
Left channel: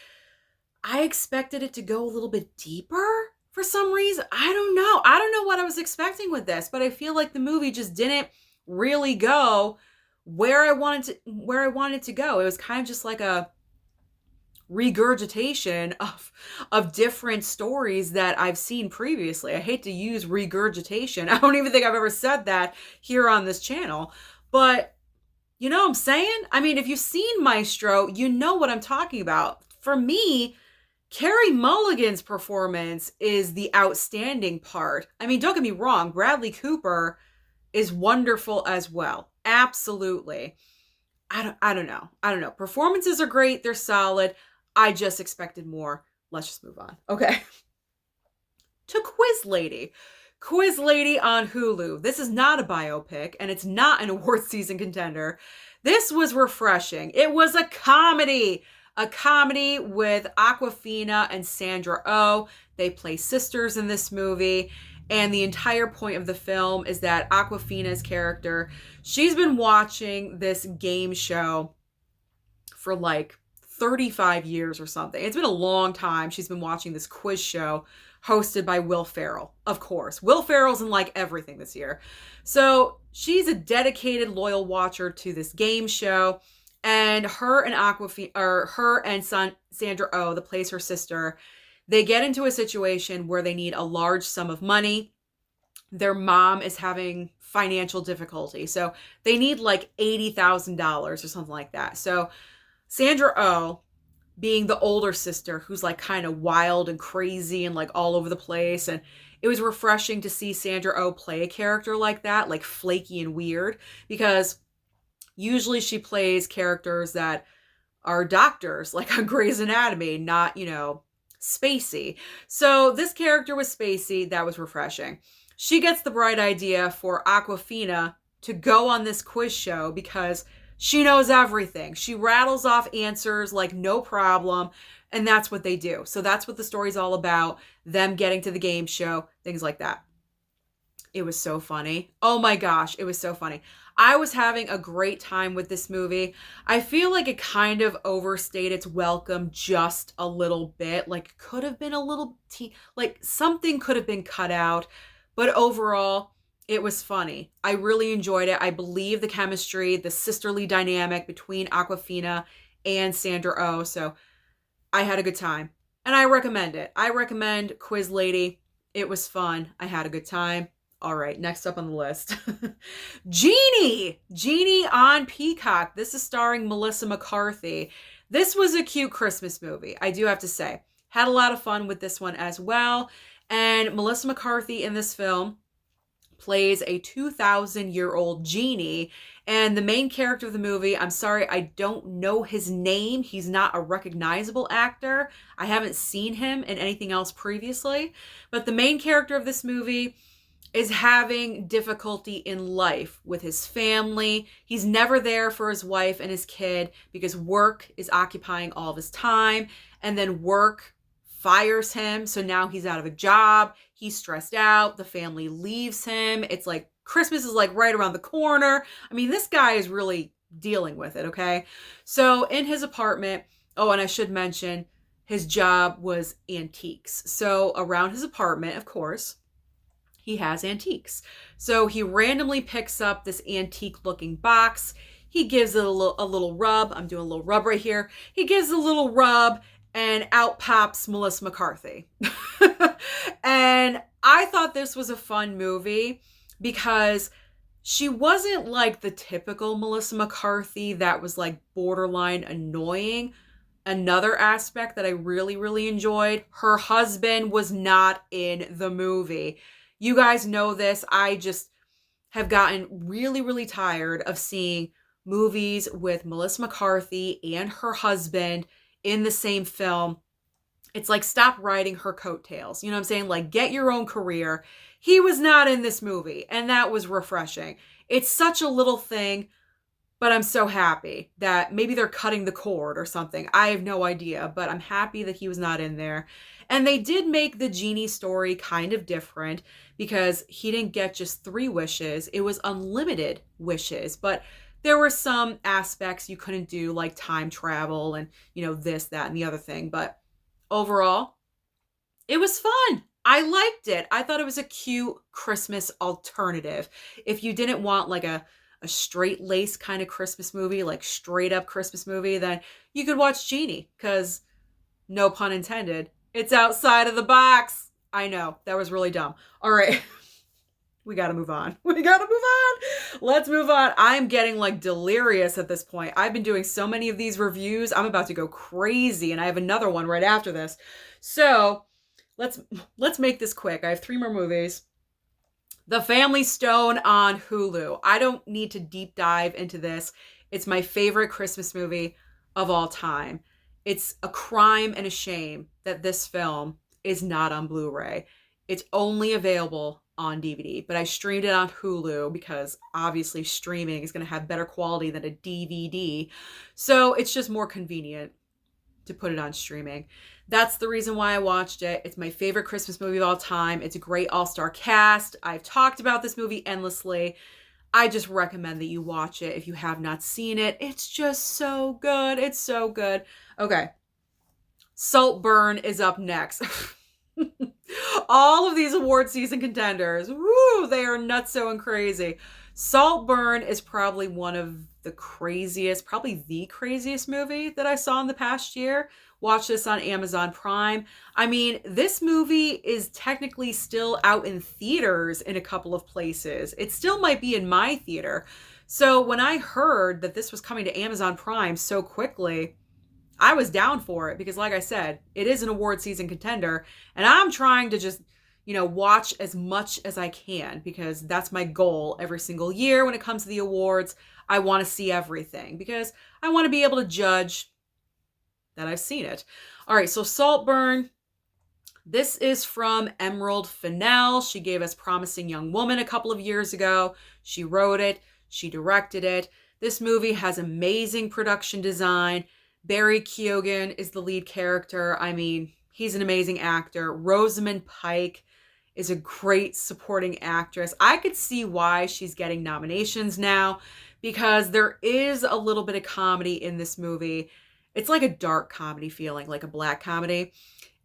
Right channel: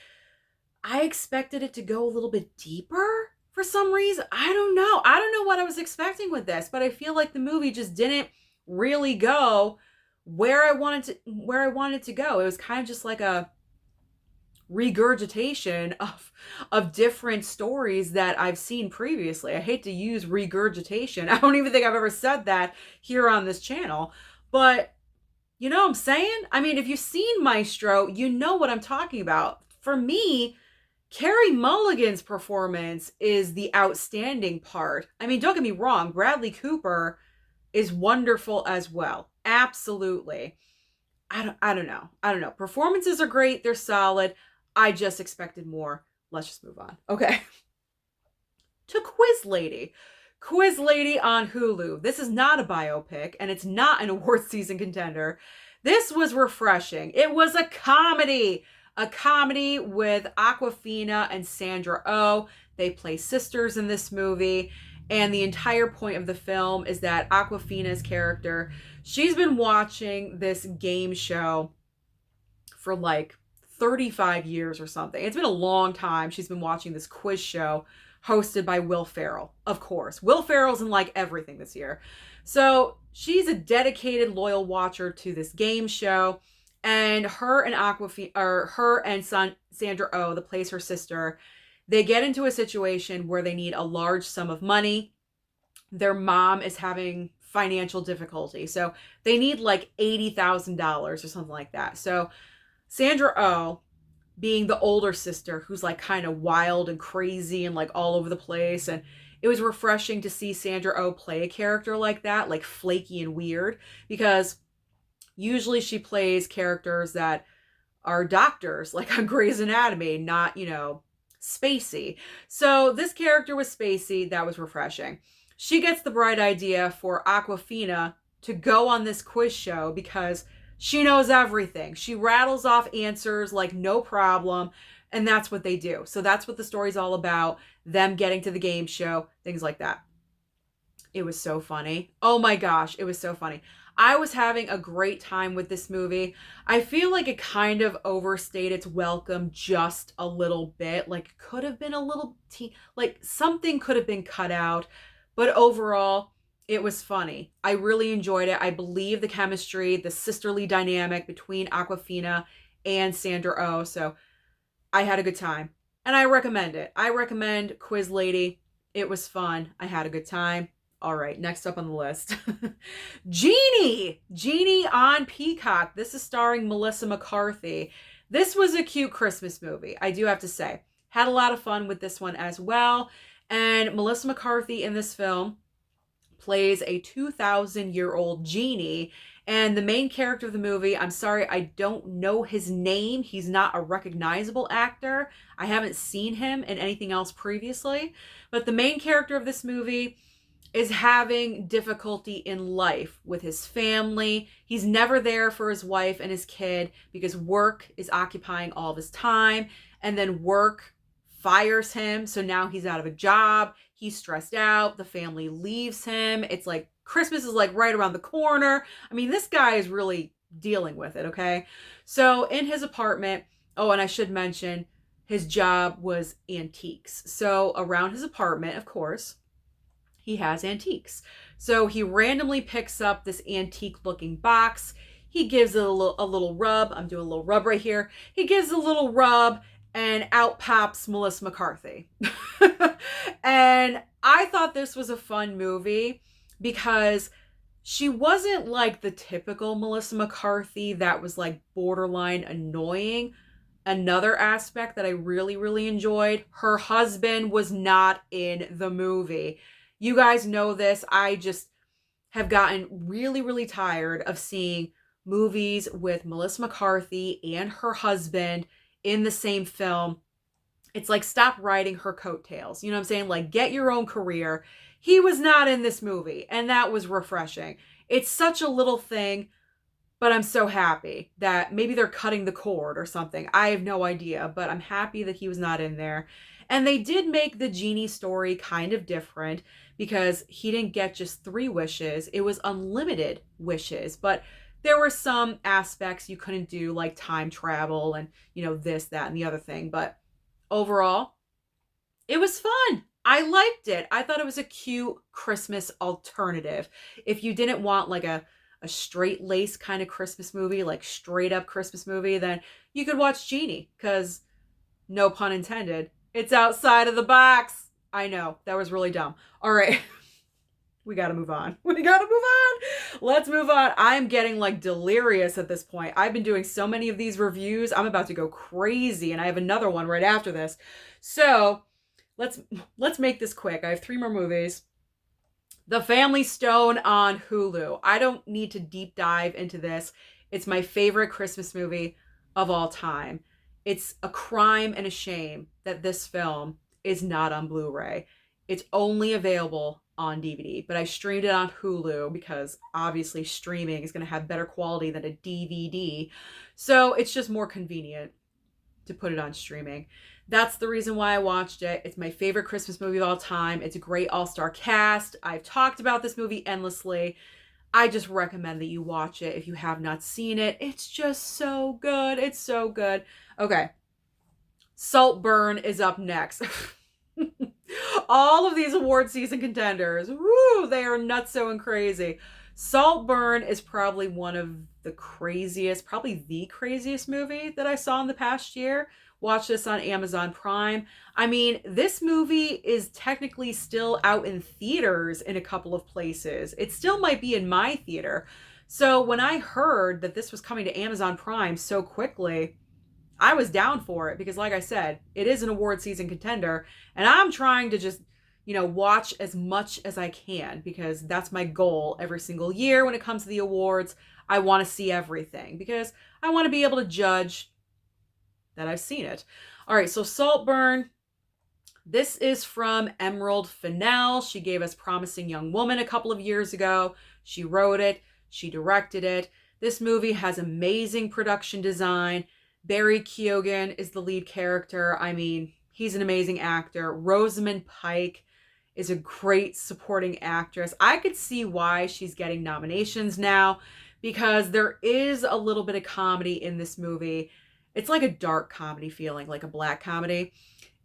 I expected it to go a little bit deeper for some reason. I don't know. I don't know what I was expecting with this, but I feel like the movie just didn't really go where I wanted it to go. It was kind of just like a regurgitation of different stories that I've seen previously. I hate to use regurgitation. I don't even think I've ever said that here on this channel, but you know what I'm saying? I mean, if you've seen Maestro, you know what I'm talking about. For me, Carey Mulligan's performance is the outstanding part. I mean, don't get me wrong, Bradley Cooper is wonderful as well. Absolutely. I don't know. Performances are great, they're solid. I just expected more. Let's just move on. Okay. To Quiz Lady. Quiz Lady on Hulu. This is not a biopic, and it's not an award season contender. This was refreshing. It was a comedy. A comedy with Awkwafina and Sandra Oh. They play sisters in this movie. And the entire point of the film is that Awkwafina's character, she's been watching this game show for like 35 years or something. It's been a long time. She's been watching this quiz show hosted by Will Ferrell. Of course. Will Ferrell's in like everything this year. So she's a dedicated, loyal watcher to this game show. And her and Sandra Oh, that plays her sister, they get into a situation where they need a large sum of money. Their mom is having financial difficulty, so they need like $80,000 or something like that. So Sandra Oh, being the older sister who's like kind of wild and crazy and like all over the place, and it was refreshing to see Sandra Oh play a character like that, like flaky and weird, because usually she plays characters that are doctors, like on Grey's Anatomy, not, you know, spacey. So this character was spacey. That was refreshing. She gets the bright idea for Awkwafina to go on this quiz show because she knows everything. She rattles off answers like no problem, and that's what they do. So that's what the story's all about, them getting to the game show, things like that. It was so funny. Oh my gosh, it was so funny. I was having a great time with this movie. I feel like it kind of overstayed its welcome just a little bit. Like, could have been a little, like something could have been cut out. But overall, it was funny. I really enjoyed it. I believe the chemistry, the sisterly dynamic between Awkwafina and Sandra Oh. So I had a good time. And I recommend it. I recommend Quiz Lady. It was fun. I had a good time. All right, next up on the list. Genie! Genie on Peacock. This is starring Melissa McCarthy. This was a cute Christmas movie, I do have to say. Had a lot of fun with this one as well. And Melissa McCarthy in this film plays a 2,000-year-old genie. And the main character of the movie, I'm sorry, I don't know his name. He's not a recognizable actor. I haven't seen him in anything else previously. But the main character of this movie is having difficulty in life with his family. He's never there for his wife and his kid because work is occupying all of his time. And then work fires him. So now he's out of a job. He's stressed out. The family leaves him. It's like Christmas is like right around the corner. I mean, this guy is really dealing with it, okay? So in his apartment, oh, and I should mention, his job was antiques. So around his apartment, of course, he has antiques. So he randomly picks up this antique looking box. He gives it a little rub. I'm doing a little rub right here. He gives a little rub and out pops Melissa McCarthy. And I thought this was a fun movie because she wasn't like the typical Melissa McCarthy that was like borderline annoying. Another aspect that I really, really enjoyed, her husband was not in the movie. You guys know this. I just have gotten really, really tired of seeing movies with Melissa McCarthy and her husband in the same film. It's like, stop riding her coattails. You know what I'm saying? Like, get your own career. He was not in this movie, and that was refreshing. It's such a little thing, but I'm so happy that maybe they're cutting the cord or something. I have no idea, but I'm happy that he was not in there. And they did make the Genie story kind of different because he didn't get just 3 wishes. It was unlimited wishes, but there were some aspects you couldn't do, like time travel and, this, that, and the other thing. But overall, it was fun. I liked it. I thought it was a cute Christmas alternative. If you didn't want like a straight lace kind of Christmas movie, like straight up Christmas movie, then you could watch Genie because, no pun intended, it's outside of the box. I know, that was really dumb. All right. We got to move on. Let's move on. I'm getting like delirious at this point. I've been doing so many of these reviews. I'm about to go crazy, and I have another one right after this. So let's make this quick. I have 3 more movies. The Family Stone on Hulu. I don't need to deep dive into this. It's my favorite Christmas movie of all time. It's a crime and a shame that this film is not on Blu-ray. It's only available on DVD, but I streamed it on Hulu because obviously streaming is going to have better quality than a DVD. So it's just more convenient to put it on streaming. That's the reason why I watched it. It's my favorite Christmas movie of all time. It's a great all-star cast. I've talked about this movie endlessly. I just recommend that you watch it if you have not seen it. It's just so good. It's so good. Okay. Saltburn is up next. All of these award season contenders, woo, they are nutso and crazy. Saltburn is probably one of the craziest, probably the craziest movie that I saw in the past year. Watch this on Amazon Prime. I mean, this movie is technically still out in theaters in a couple of places. It still might be in my theater. So when I heard that this was coming to Amazon Prime so quickly, I was down for it because, like I said, it is an award season contender, and I'm trying to just, watch as much as I can because that's my goal every single year when it comes to the awards. I want to see everything because I want to be able to judge that I've seen it. All right, so Saltburn. This is from Emerald Fennell. She gave us Promising Young Woman a couple of years ago. She wrote it. She directed it. This movie has amazing production design. Barry Keoghan is the lead character. I mean, he's an amazing actor. Rosamund Pike is a great supporting actress. I could see why she's getting nominations now because there is a little bit of comedy in this movie. It's like a dark comedy feeling, like a black comedy.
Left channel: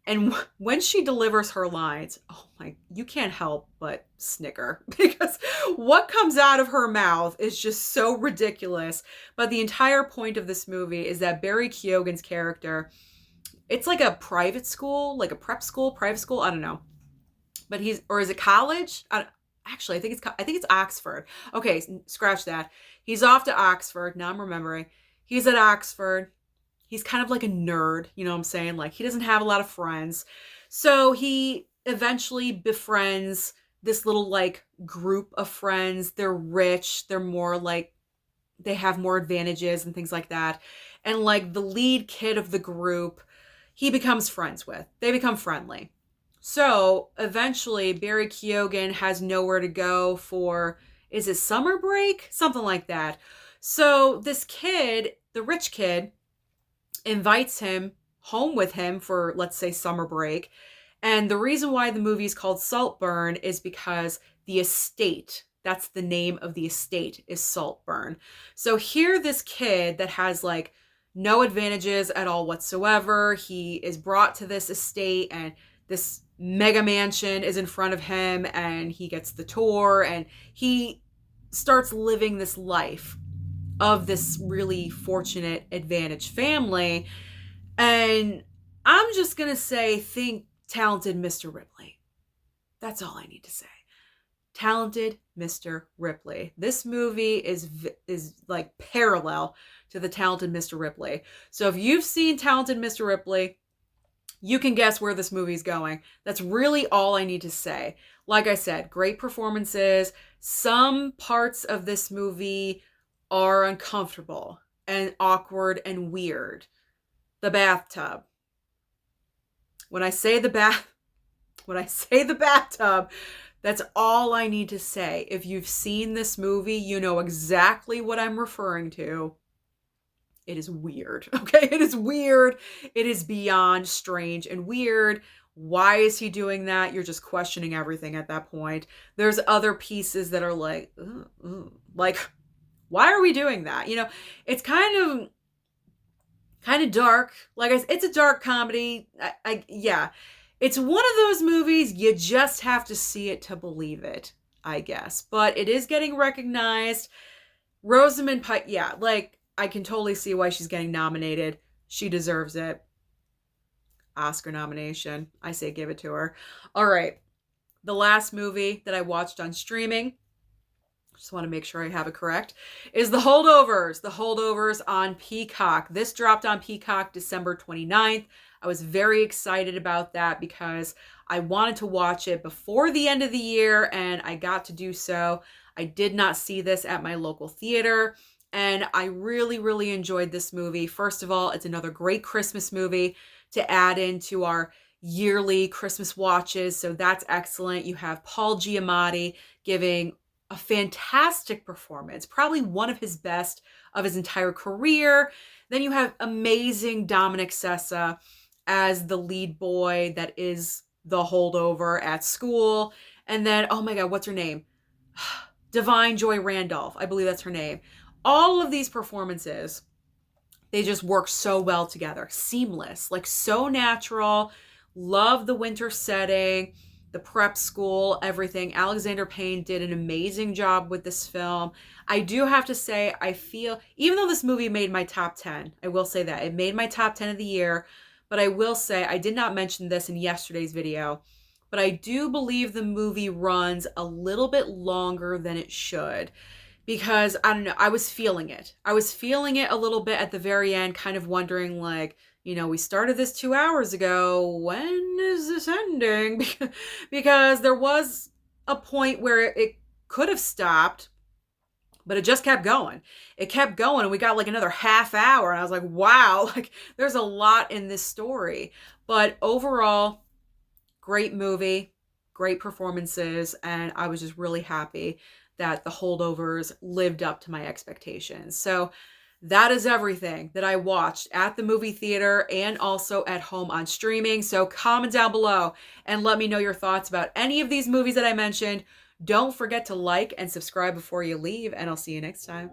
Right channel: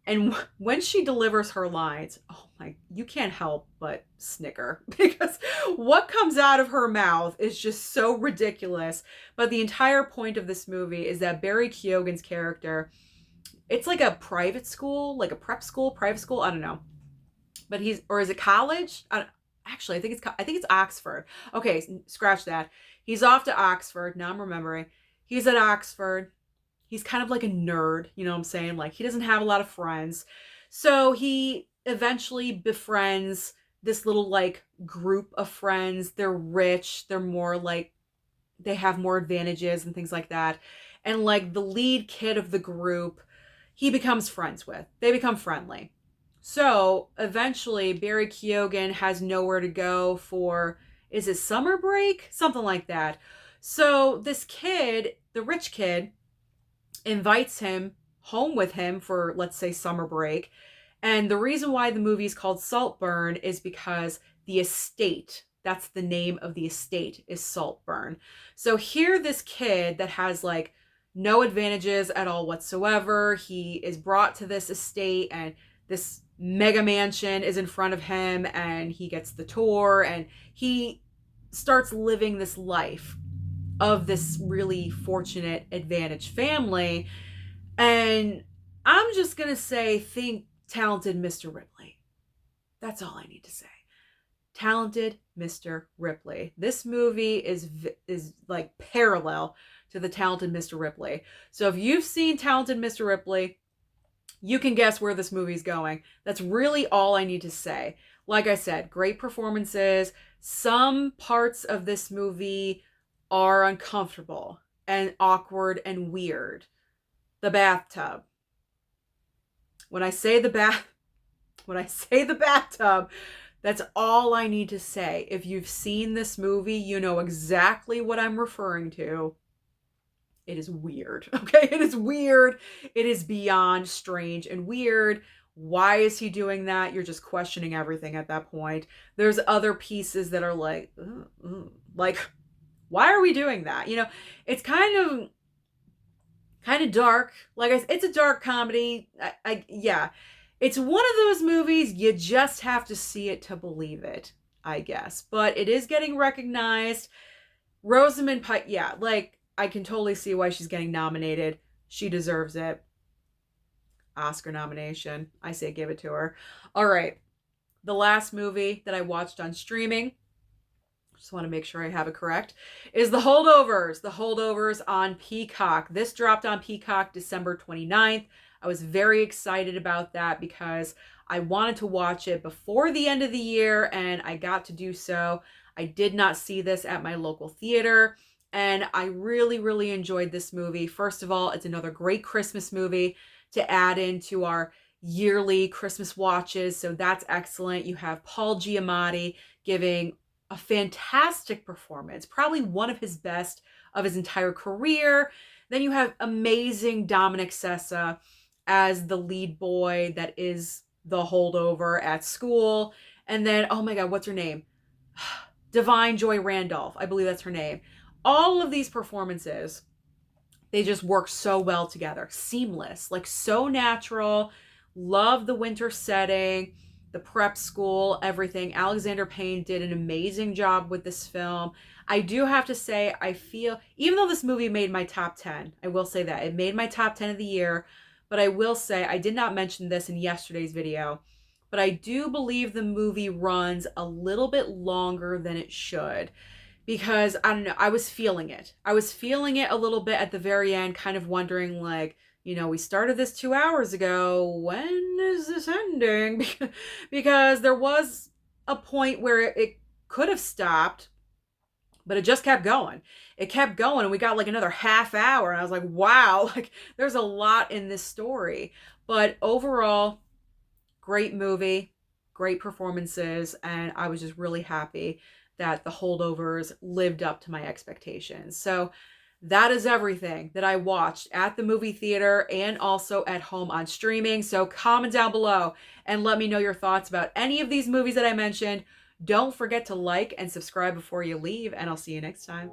And when she delivers her lines, oh my, you can't help but snicker because what comes out of her mouth is just so ridiculous. But the entire point of this movie is that Barry Keoghan's character, it's like a private school, like a prep school, private school, I don't know. But or is it college? Actually, I think it's Oxford. Okay, scratch that. He's off to Oxford. Now I'm remembering. He's at Oxford. He's kind of like a nerd, you know what I'm saying? Like, he doesn't have a lot of friends. So he eventually befriends this little like group of friends. They're rich, they're more like, they have more advantages and things like that. And like the lead kid of the group, he becomes friends with. They become friendly. So eventually Barry Keoghan has nowhere to go for, is it summer break? Something like that. So this kid, the rich kid, invites him home with him for, let's say, summer break. And the reason why the movie is called Saltburn is because the estate, that's the name of the estate, is Saltburn. So here, this kid that has like no advantages at all whatsoever, he is brought to this estate and this mega mansion is in front of him, and he gets the tour and he starts living this life of this really fortunate advantaged family. And I'm just gonna say, think talented Mr. Ripley. That's all I need to say. Talented Mr. Ripley. This movie is like parallel to the Talented Mr. Ripley. So if you've seen Talented Mr. Ripley, you can guess where this movie's going. That's really all I need to say. Like I said, great performances. Some parts of this movie are uncomfortable and awkward and weird. The bathtub. When I say the bathtub, that's all I need to say. If you've seen this movie, you know exactly what I'm referring to. It is weird, okay? It is weird. It is beyond strange and weird. Why is he doing that? You're just questioning everything at that point. There's other pieces that are like, like, why are we doing that? You know, it's kind of dark. Like, it's a dark comedy. Yeah. It's one of those movies, you just have to see it to believe it, I guess. But it is getting recognized. Rosamund Pike, yeah, like, I can totally see why she's getting nominated. She deserves it. Oscar nomination. I say give it to her. All right. The last movie that I watched on streaming, just want to make sure I have it correct, is The Holdovers. The Holdovers on Peacock. This dropped on Peacock December 29th. I was very excited about that because I wanted to watch it before the end of the year, and I got to do so. I did not see this at my local theater, and I really, really enjoyed this movie. First of all, it's another great Christmas movie to add into our yearly Christmas watches, so that's excellent. You have Paul Giamatti giving a fantastic performance, probably one of his best of his entire career. Then you have amazing Dominic Sessa as the lead boy that is the holdover at school. And then, oh my God, what's her name? Divine Joy Randolph. I believe that's her name. All of these performances, they just work so well together. Seamless, like so natural. Love the winter setting, the prep school, everything. Alexander Payne did an amazing job with this film. I do have to say, I feel, even though this movie made my top 10, I will say that, it made my top 10 of the year, but I will say, I did not mention this in yesterday's video, but I do believe the movie runs a little bit longer than it should. Because, I don't know, I was feeling it. I was feeling it a little bit at the very end, kind of wondering, like, you know, we started this 2 hours ago. When is this ending? Because there was a point where it could have stopped, but it just kept going. It kept going, and we got like another half hour, and I was like, wow, like there's a lot in this story. But overall, great movie, great performances, and I was just really happy that The Holdovers lived up to my expectations. So that is everything that I watched at the movie theater and also at home on streaming. So comment down below and let me know your thoughts about any of these movies that I mentioned. Don't forget to like and subscribe before you leave, and I'll see you next time.